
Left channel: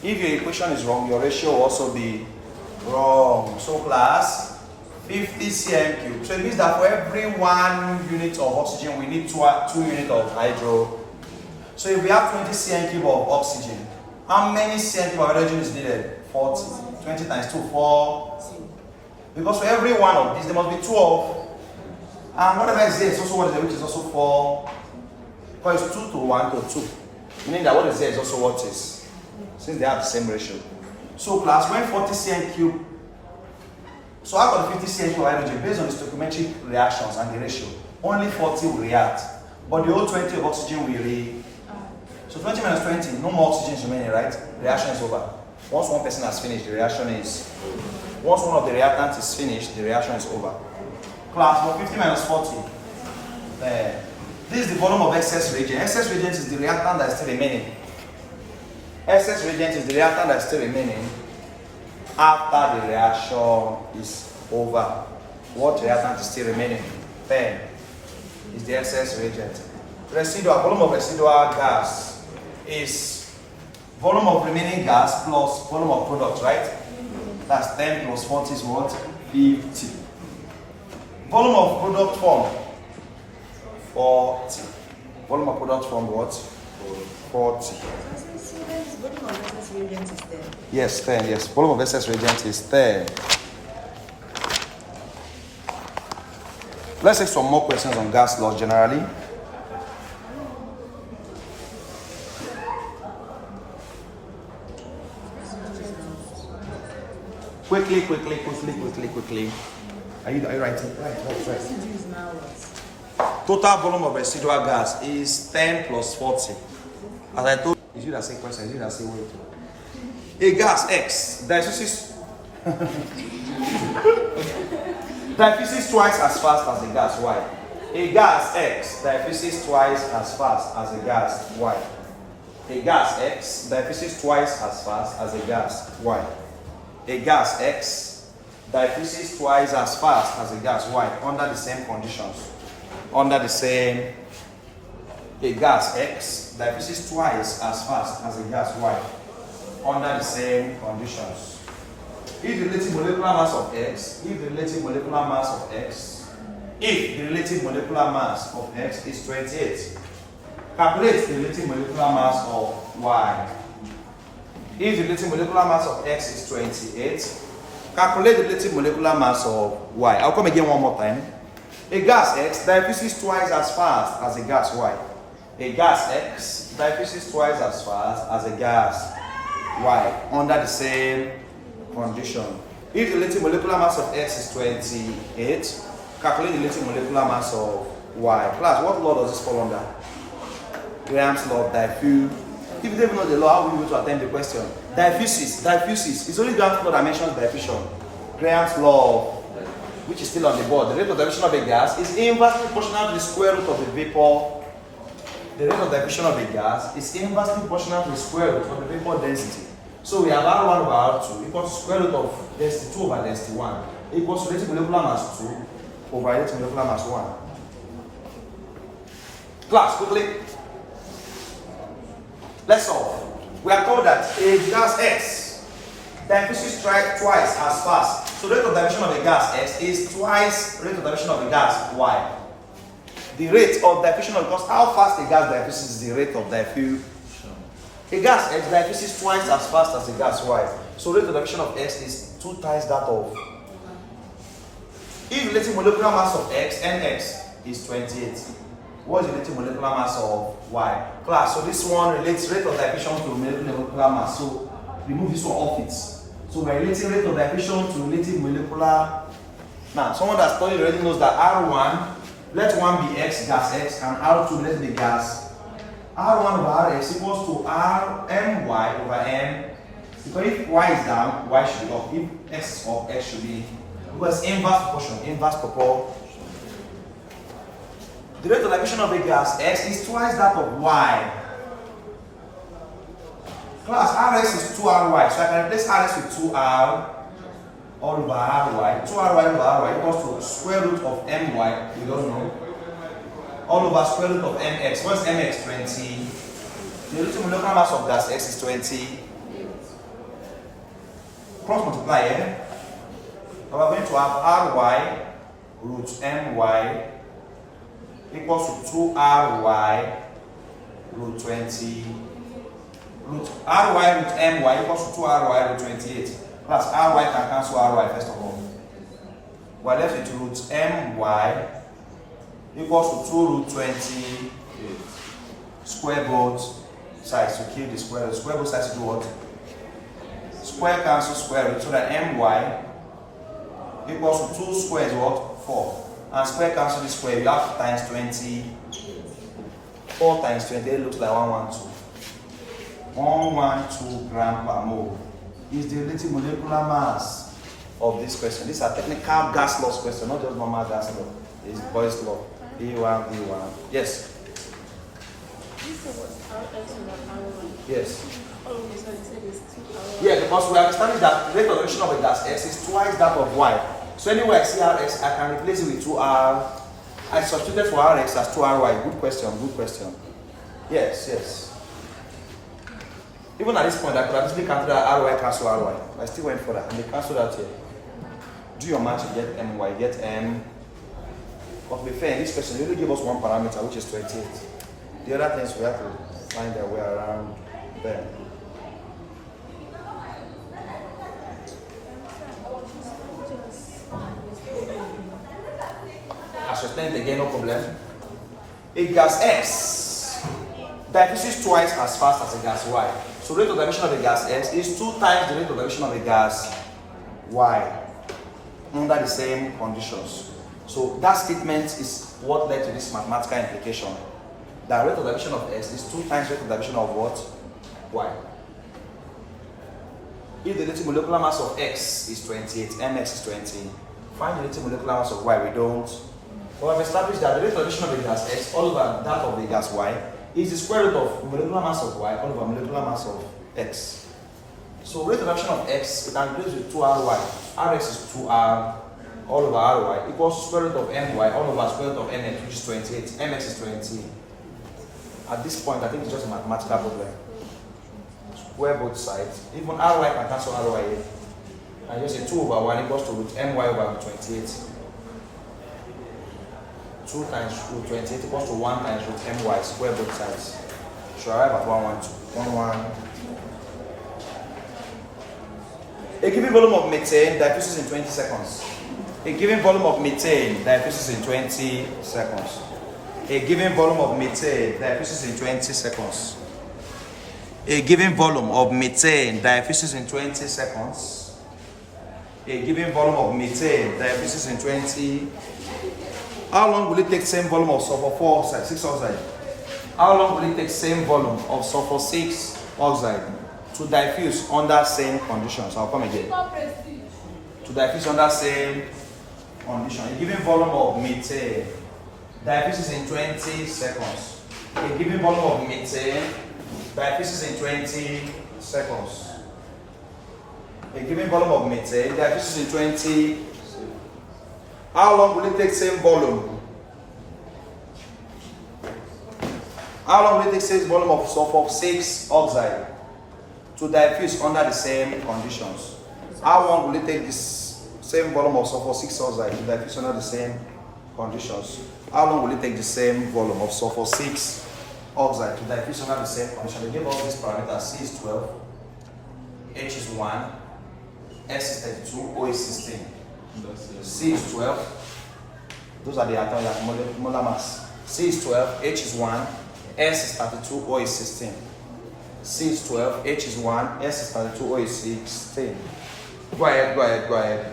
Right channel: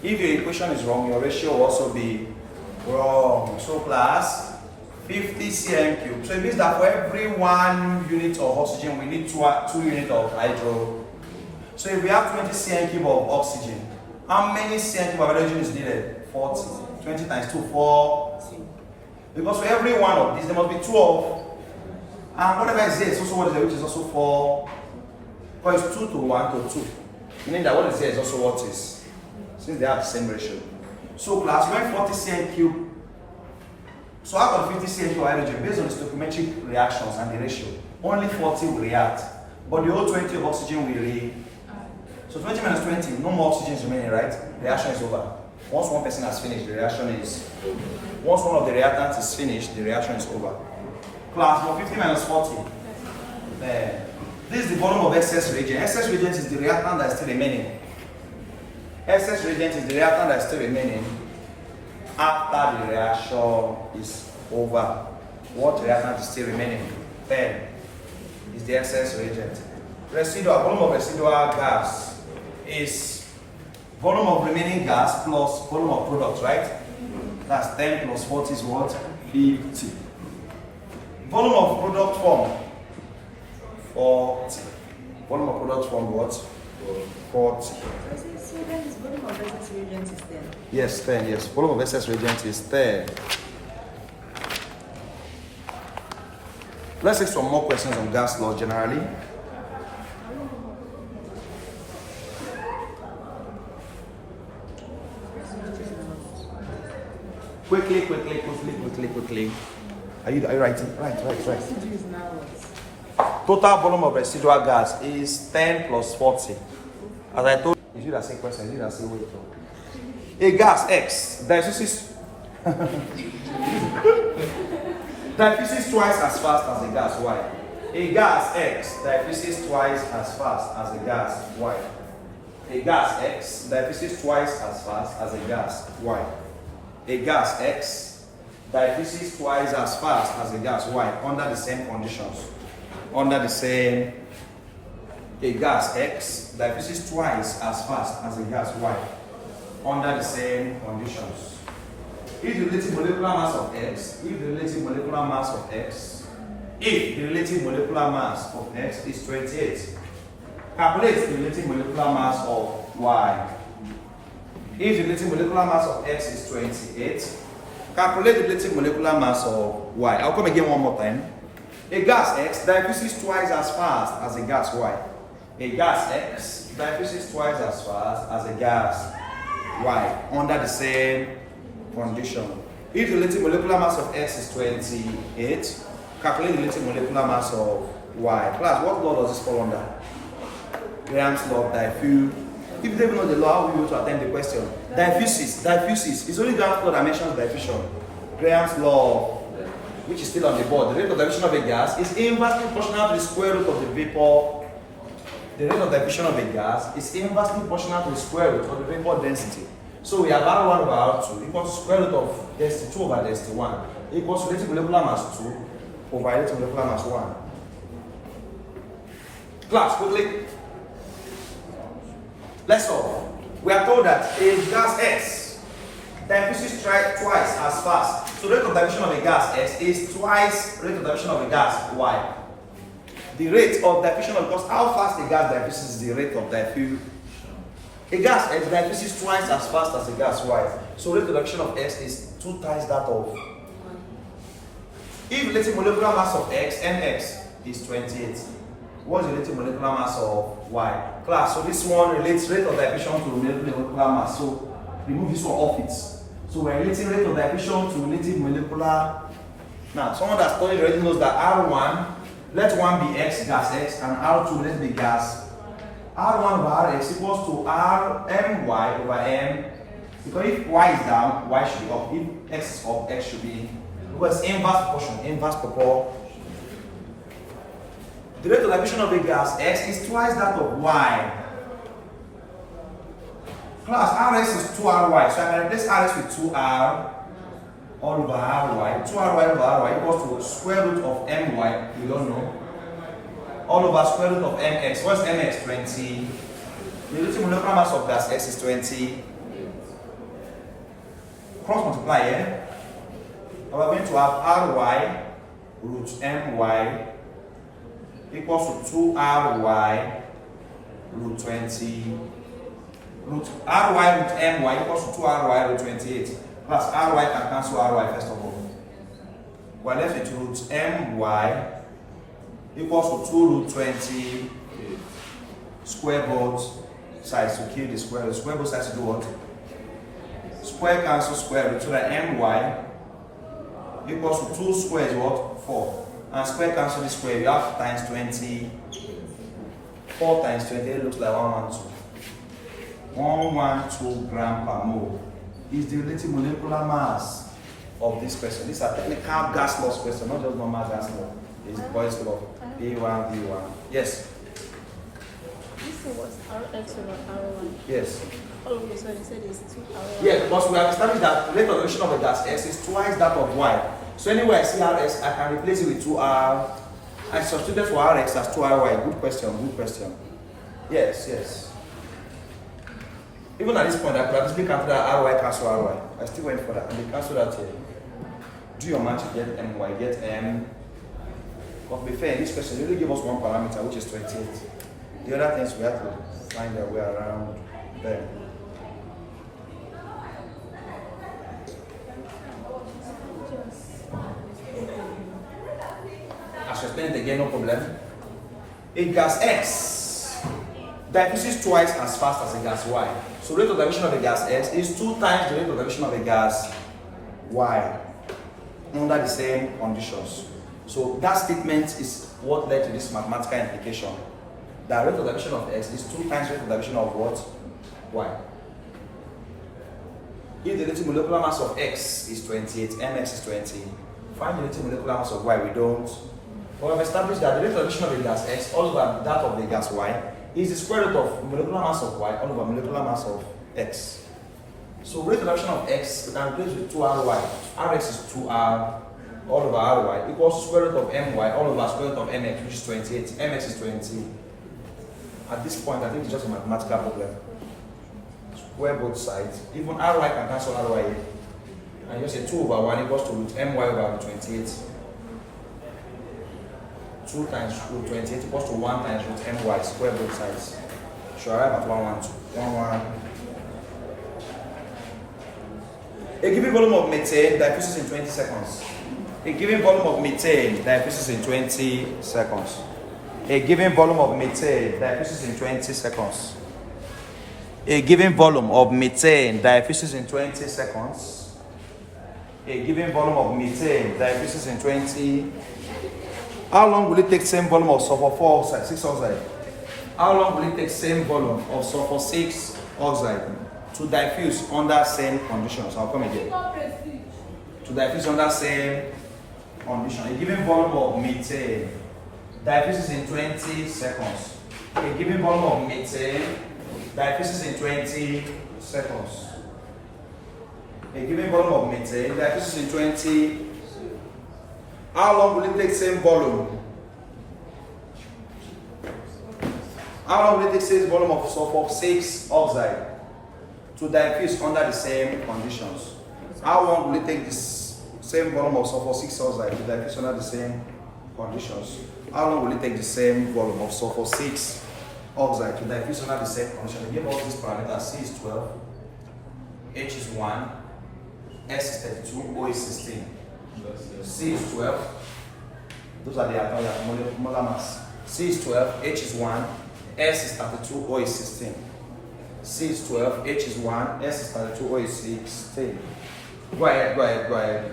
If your equation is wrong, your ratio will also be wrong. So class, 50 cm cube. So it means that for every 1 unit of oxygen, we need 2 units of hydro. So if we have 20 cm cube of oxygen, how many cm cube of hydrogen is needed? 40. 20 times 2, 40. Because for every one of these, there must be 2 of. And whatever is there is also what is there, which is also 4. Because it's 2 to 1 to 2. Meaning that what is there is also what is. Since they have the same ratio. So class, when 40 cm cube, so out of 50 cm cube of hydrogen, based on the stoichiometric reactions and the ratio, only 40 will react. But the whole 20 of oxygen will react. So 20 minus 20, no more oxygen is remaining, right? The reaction is over. Once one person has finished, the reaction is. Once one of the reactants is finished, the reaction is over. Class, now 50 minus 40. This is the volume of excess reagent. Excess reagent is the reactant that is still remaining. Excess reagent is the reactant that is still remaining after the reaction is over. What reactant is still remaining? 10 is the excess reagent. Residual, volume of residual gas is volume of remaining gas plus volume of product, right? That's 10 plus 40 is what? 50. Volume of product form, 40. Volume of product form what? 40. So then this volume of excess reagent is 10. Yes, 10, yes. Volume of excess reagent is 10. Let's take some more questions on gas law generally. Quickly. Are you writing? Right. Residue is now what? Total volume of residual gas is 10 plus 40. As I told you, that same question, you that same way. A gas X diffuses diffuses twice as fast as a gas Y. A gas X diffuses twice as fast as a gas Y. A gas X diffuses twice as fast as a gas Y. A gas X diffuses twice as fast as a gas Y under the same conditions. A gas X diffuses twice as fast as a gas Y under the same conditions. If the relative molecular mass of X is 28, calculate the relative molecular mass of Y. If the relative molecular mass of X is 28, calculate the relative molecular mass of Y. I'll come again one more time. A gas X diffuses twice as fast as a gas Y. A gas X diffuses twice as fast as a gas Y under the same condition. If the relative molecular mass of X is 28, calculate the relative molecular mass of Y. Class, what law does this fall under? Graham's law of diffuse. If you don't even know the law, how will you be able to attempt the question? Diffuses. It's only Graham's law that mentions diffusion. Graham's law, which is still on the board. The rate of diffusion of a gas is inversely proportional to the square root of the vapor. The rate of diffusion of a gas is inversely proportional to the square root of the vapor density. So we have R1 over R2 equals to square root of density 2 over density 1 equals to relative molecular mass 2 over relative molecular mass 1. Class, quickly. Let's solve. We are told that a gas X diffuses twice as fast. So the rate of diffusion of a gas X is twice the rate of diffusion of a gas Y. The rate of diffusion, because how fast a gas diffuses is the rate of diffusion. A gas X diffuses twice as fast as a gas Y. So rate of diffusion of X is 2 times that of. If relative molecular mass of X, Mx, is 28, what is the relative molecular mass of Y? Class, so this one relates rate of diffusion to molecular mass. So remove this one off it. So we're relating rate of diffusion to relative molecular. Now, someone that studied already knows that R1, let 1 be X, gas X, and R2 let be gas. R1 over Rx equals to Rmy over M. Because if Y is down, Y should be up. If X is up, X should be. Because inverse proportion. The rate of diffusion of a gas X is twice that of Y. Class, Rx is 2Ry, so I can replace Rx with 2R all over Ry. 2Ry over Ry equals to square root of My, we don't know, all over square root of Mx. What's Mx? 20. The relative molecular mass of gas X is 20. Cross multiply, yeah? And we're going to have Ry root My equals to 2Ry root 20. Root Ry root My equals to 2Ry root 28. Plus Ry can cancel Ry first of all. We're left with root My equals to 2 root 20 square both sides to kill the square root. Square both sides to do what? Square cancel square root, so that My equals to 2 squares what? 4. And square cancel the square, you have times 20. 4 times 28 looks like 112. 112 gram per mole is the relative molecular mass of this question. These are technical gas loss question, not just normal gas law. It's Boyle's law. V1, V1. Yes. Yes. Yeah, because we are understanding that the rate of diffusion of a gas X is twice that of Y. So anywhere I see Rx, I can replace it with 2R. I substituted for Rx as 2Ry. Good question. Yes. Even at this point, I could have easily counted that Ry cancel Ry. I still went for that, and they cancelled out here. Do your match, you get My, you get M. But to be fair, in this question, they only give us one parameter, which is 28. The other things we have to find their way around there. As explained again, no problem. A gas X diffuses twice as fast as a gas Y. So rate of diffusion of a gas X is 2 times the rate of diffusion of a gas y under the same conditions. So that statement is what led to this mathematical implication. The rate of division of x is 2 times rate of division of what? Y. If the relative molecular mass of x is 28, mx is 20, find the relative molecular mass of y. We don't. But we've established that the rate of division of the gas x all over that of the gas y is the square root of molecular mass of y all over molecular mass of x. So rate of division of x, we can replace with 2ry. Rx is 2r all over ry equals square root of my all over square root of mx, which is 28. Mx is 20. At this point, I think it's just a mathematical problem. Square both sides. Even ry can cancel ry. And just say 2 over 1 equals to root my over 28. 2 times root 28 equals to 1 times root my, square both sides. Should arrive at 112. A given volume of methane diffuses in 20 seconds. A given volume of methane diffuses in 20 seconds. A given volume of methane diffuses in 20 seconds. A given volume of methane diffuses in 20 seconds. A given volume of methane diffuses in 20. How long will it take same volume of sulfur 4 oxide, 6 oxide? How long will it take same volume of sulfur 6 oxide to diffuse under same conditions? I'll come again. To diffuse under same condition. A given volume of methane diffuses in 20 seconds. A given volume of methane diffuses in 20 seconds. A given volume of methane diffuses in 20. How long will it take same volume? How long will it take same volume of sulfur 6 oxide to diffuse under the same conditions? How long will it take this same volume of sulfur 6 oxide to diffuse under the same conditions? How long will it take the same volume of sulfur 6 oxide to diffuse under the same condition? They give us these parameters: C is 12, H is 1, S is 32, O is 16. C is 12. Those are the atomic molar mass. C is 12, H is 1, S is 32, O is 16. C is 12, H is 1, S is 32, O is 16. Go ahead. Go ahead.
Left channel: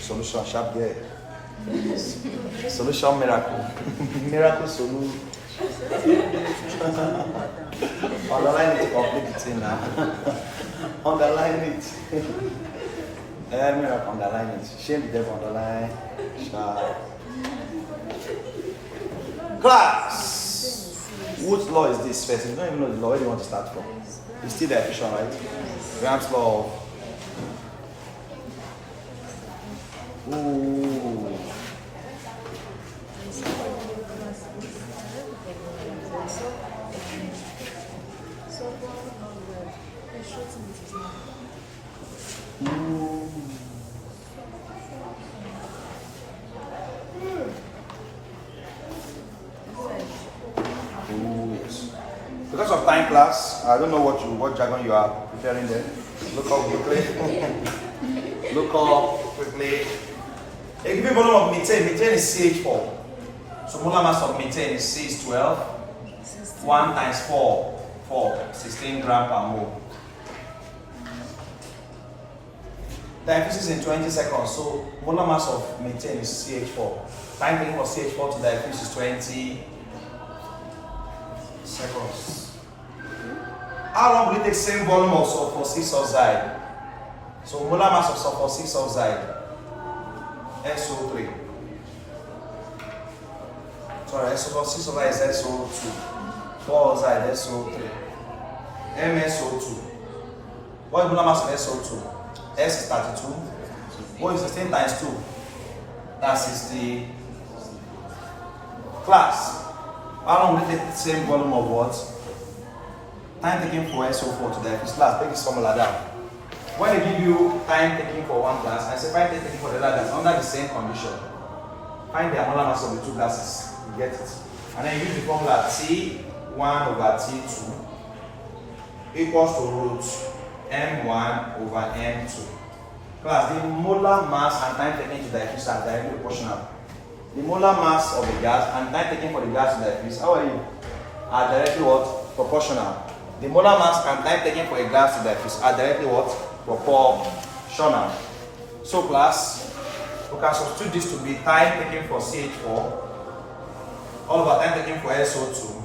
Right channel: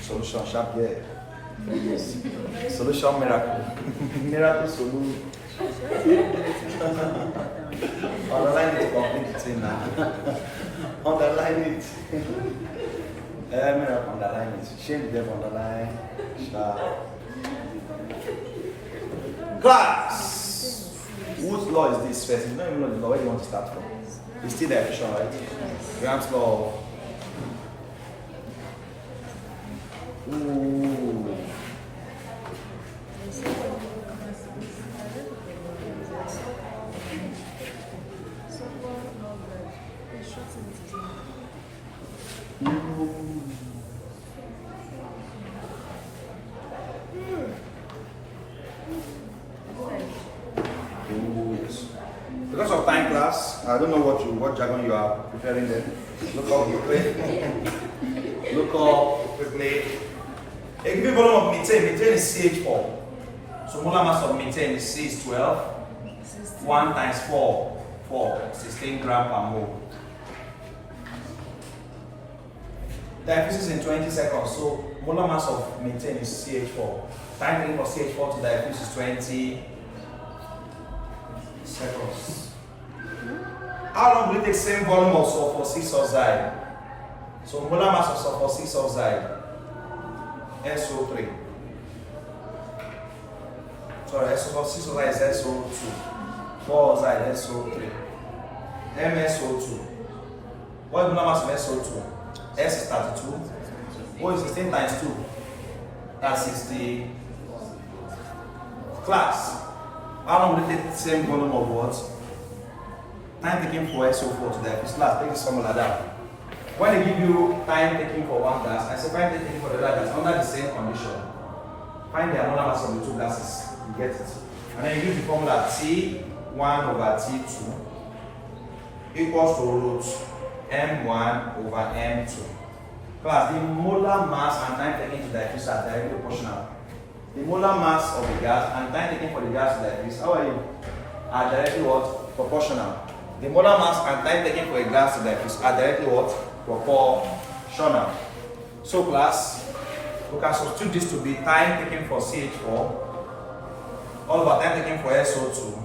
Solution sharp there. Solution miracle. Miracle solution. Underline it, complete the thing now. Underline it. Miracle, underline it. Shame the devil, underline. Sharp. Class! Whose law is this first? You don't even know the law. Where do you want to start from? It's still the efficient, right? Graham's law of. Ooh. Because of time class, I don't know what jargon you are preparing there. Look up quickly. A given volume of methane is CH4. So molar mass of methane is C is 12. 1 times 4, 16 gram per mole. Diffuses in 20 seconds. So molar mass of methane is CH4. Time taken for CH4 to diffuse is 20 seconds. How long will it take same volume of sulfur 6 oxide? So molar mass of sulfur 6 oxide, SO3. Sorry, sulfur 6 oxide is SO2. 4 oxide, SO3. MSO2. What is molar mass of SO2? S is 32. O is 16 times 2. That's 60. Class. How long will it take the same volume of what? Time taken for SO4 to diffuse. Class, take this formula down. When they give you time taken for one gas, I say find time taken for the other gas under the same condition. Find the molar mass of the two gases. You get it. And then you use the formula T1 over T2 equals to root M1 over M2. Class, the molar mass and time taken to diffuse are directly proportional. The molar mass of the gas and time taken for the gas to diffuse, how are you? Are directly what? Proportional. The molar mass and time taken for a gas to diffuse are directly what? Proportional. So class, we can substitute this to be time taken for CH4. All of our time taken for SO2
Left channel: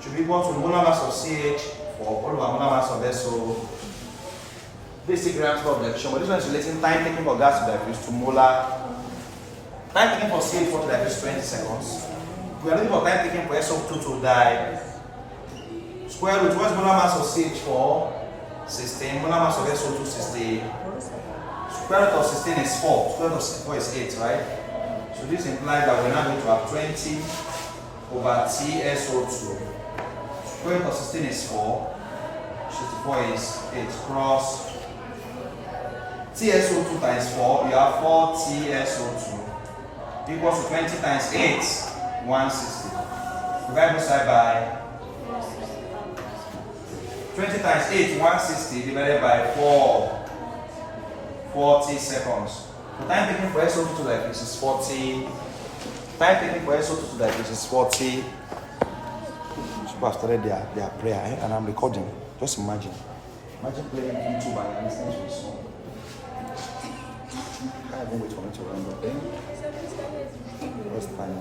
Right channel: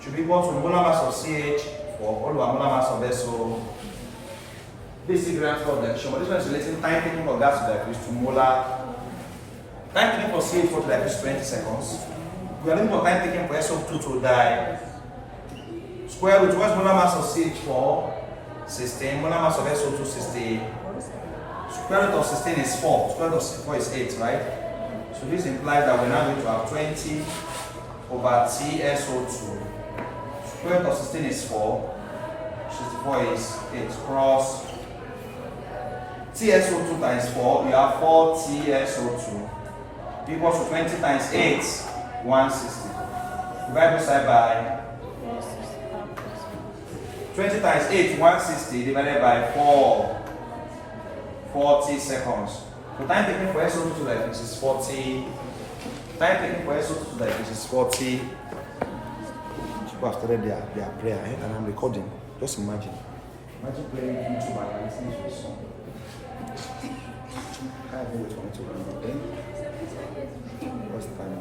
should be equal to the molar mass of CH4, all of our molar mass of SO. Basic grams of diffusion, but this one is relating time taken for gas to diffuse to molar. Time taken for CH4 to diffuse 20 seconds. We are looking for time taken for SO2 to die. Square root, what's molar mass of CH4? 16. Molar mass of SO2, 16. Square root of 16 is 4. Square root of 4 is 8, right? So this implies that we're now going to have 20 over TSO2. Square root of 16 is 4. 64 is 8. Cross TSO2 times 4, you have 4 TSO2 equals to 20 times 8, 160. Divide both side by 20 times 8, 160 divided by 4, 40 seconds. The time taken for SO2 to diffuse is 40. Time taken for SO2 to diffuse is 40. People have started their prayer, and I'm recording. Just imagine. Imagine playing YouTube and listening to a song. I can't wait for me to run up then. What's the time?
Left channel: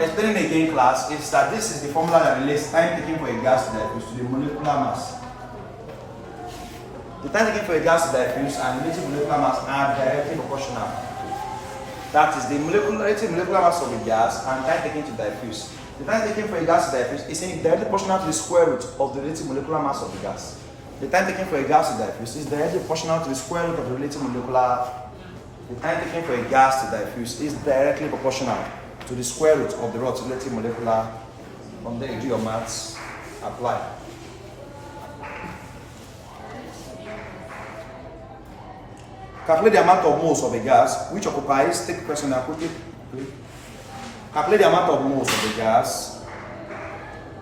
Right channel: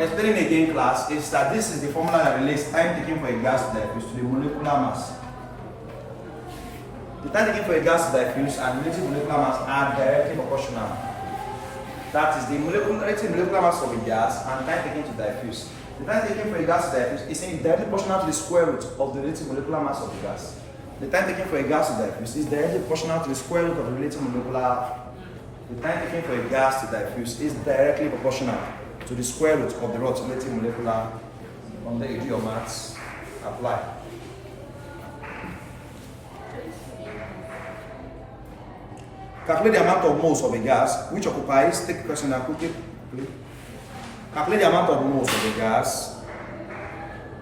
Explaining again, class, is that this is the formula that relates time taken for a gas to diffuse to the molecular mass. The time taken for a gas to diffuse and relative molecular mass are directly proportional. That is the relative molecular mass of a gas and time taken to diffuse. The time taken for a gas to diffuse is directly proportional to the square root of the relative molecular mass of the gas. The time taken for a gas to diffuse is directly proportional to the square root of the relative molecular. The time taken for a gas to diffuse is directly proportional to the square root of the relative molecular. From there you do your maths, apply. Calculate the amount of moles of a gas which occupies, take a question and quickly. Calculate the amount of moles of a gas.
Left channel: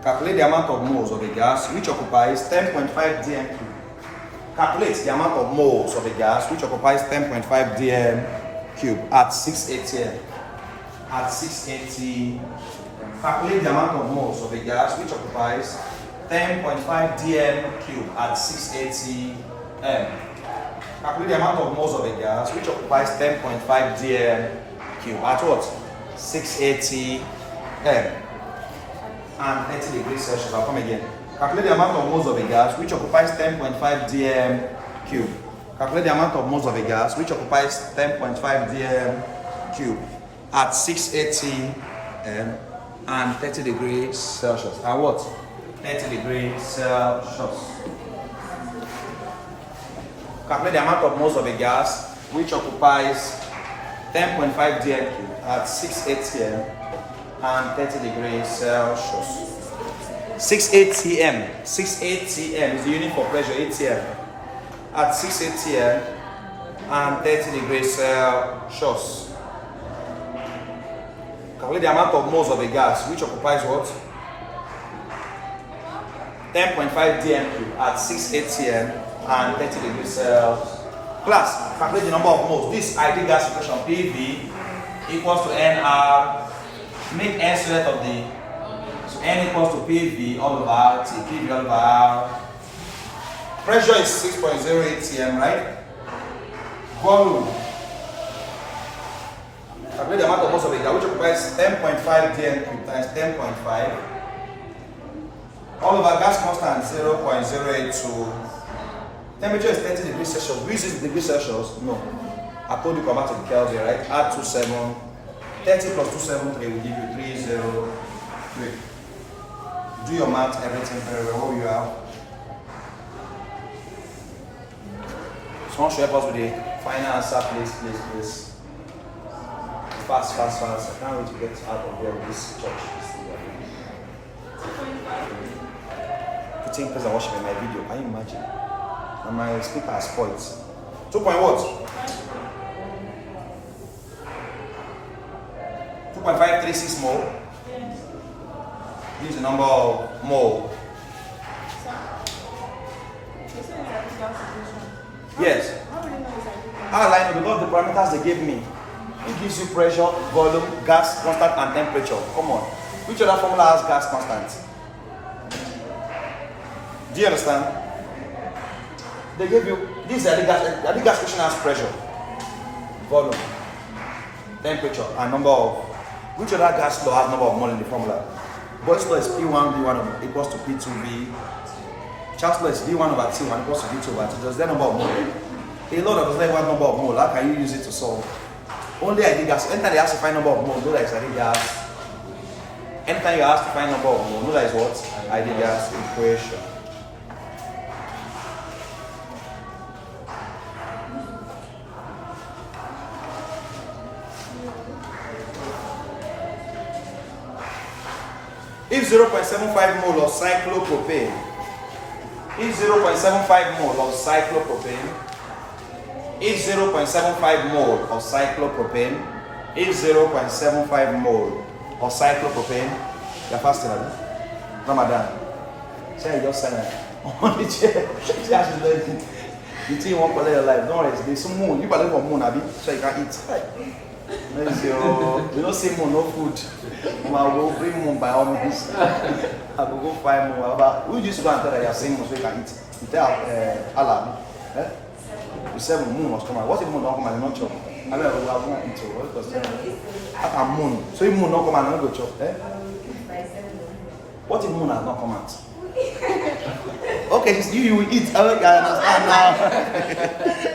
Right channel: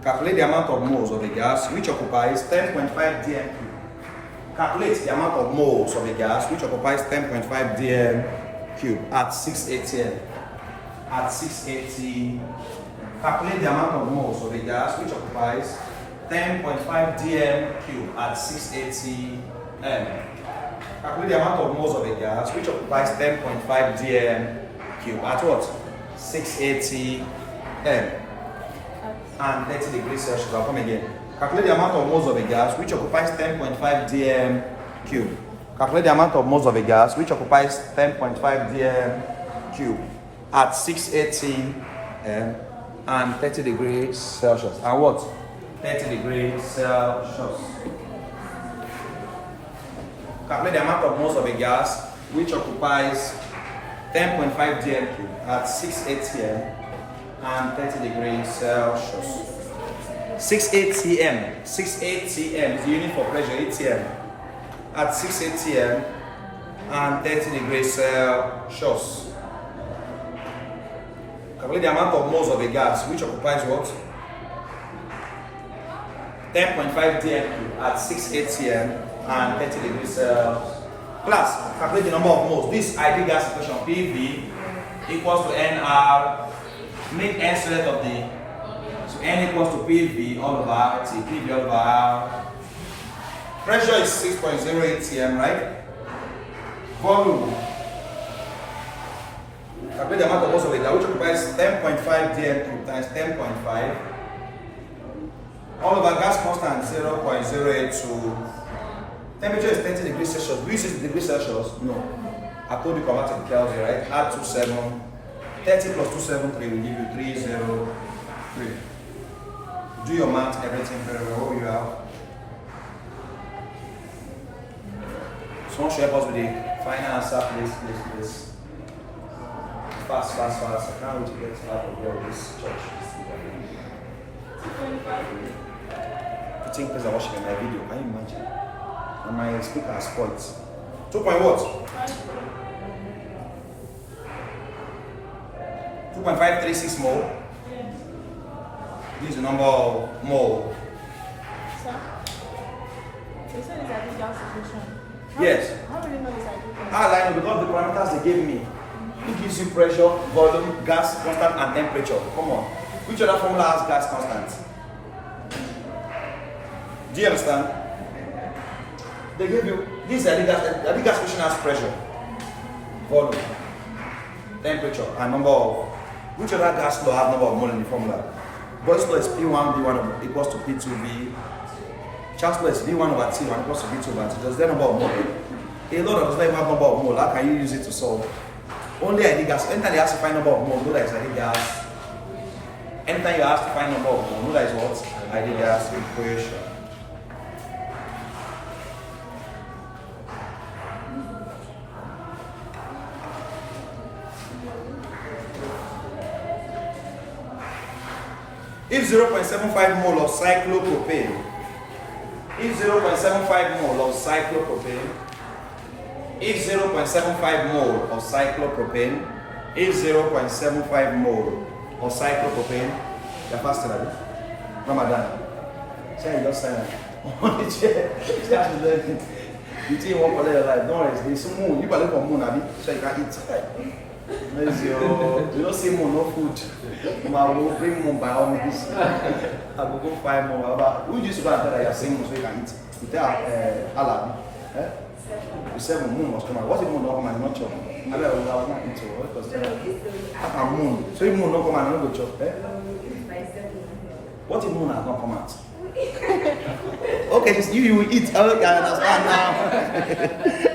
Calculate the amount of moles of a gas which occupies 10.5 dm cube. Calculate the amount of moles of a gas which occupies 10.5 dm cube at 680. At 680. Calculate the amount of moles of a gas which occupies 10.5 dm cube at 680 m. Calculate the amount of moles of a gas which occupies 10.5 dm cube at what? 680 m and 30 degrees Celsius. I'll come again. Calculate the amount of moles of a gas which occupies 10.5 dm cube. Calculate the amount of moles of a gas which occupies 10.5 dm cube at 680 m and 30 degrees Celsius. And what? 30 degrees Celsius. Calculate the amount of moles of a gas which occupies 10.5 dm cube at 680 m and 30 degrees Celsius. 680 m. 680 m is the unit for pressure, ATM. At 680 m and 30 degrees Celsius. Calculate the amount of moles of a gas which occupies what? 10.5 dm cube at 680 m and 30 degrees Celsius. Class, calculate the number of moles. This ideal gas equation PV equals to NR. Make N squared of the, so N equals to PV all over T, PV all over R. Pressure is 6.08 atm, right? Volume. Calculate the amount of moles of a gas which occupies 10.5 dm cube times 10.5. All over gas constant 0.082. Temperature is 30 degrees Celsius. Do you see degrees Celsius? No. I told you convert to the Kelvin, right? Add 27. 30 plus 273 will give you 303. Do your math, everything very well. What will you have? Someone should help us with the final answer, please. Fast. I can't wait to get out of here with this church. 15 people are watching my video. Can you imagine? And my speaker has spoiled. 2 point what? 2.536 mole. This is the number of mole. Yes. How will I know? Because the parameters they gave me. It gives you pressure, volume, gas constant, and temperature. Come on. Which other formula has gas constant? Do you understand? They gave you this the gas question has pressure, volume, temperature, and number of which other gas law has number of mole in the formula? Boyle's law is P1 V1 equals to P2 V. Charles' law is V1 over T1 equals to V2 over T. Just the number of mole. A lot of the number of mole. How can you use it to solve? Only ideal gas. Anytime you ask to find number of mole, know that it's ideal gas. Anytime you ask to find number of mole, know that it's what? Ideal gas equation. If 0.75 mole of cyclopropane, if 0.75 mole of cyclopropane, if 0.75 mole of cyclopropane, if 0.75 mole of cyclopropane, you're faster than that. No, madam. Say you just say that. You think you won't collect your life. No, there's some moon. You believe for moon, Abi, so you can eat. You don't see moon, no food. I will bring moon by all means. I will go find moon. Who just go and tell that you are saying moon so you can eat? You tell Allah. You say moon must come out. What if moon don't come out and not chop? I will not eat it. Because moon. So if moon don't come out and not go chop. What if moon has not come out? Okay, you will eat. I understand now.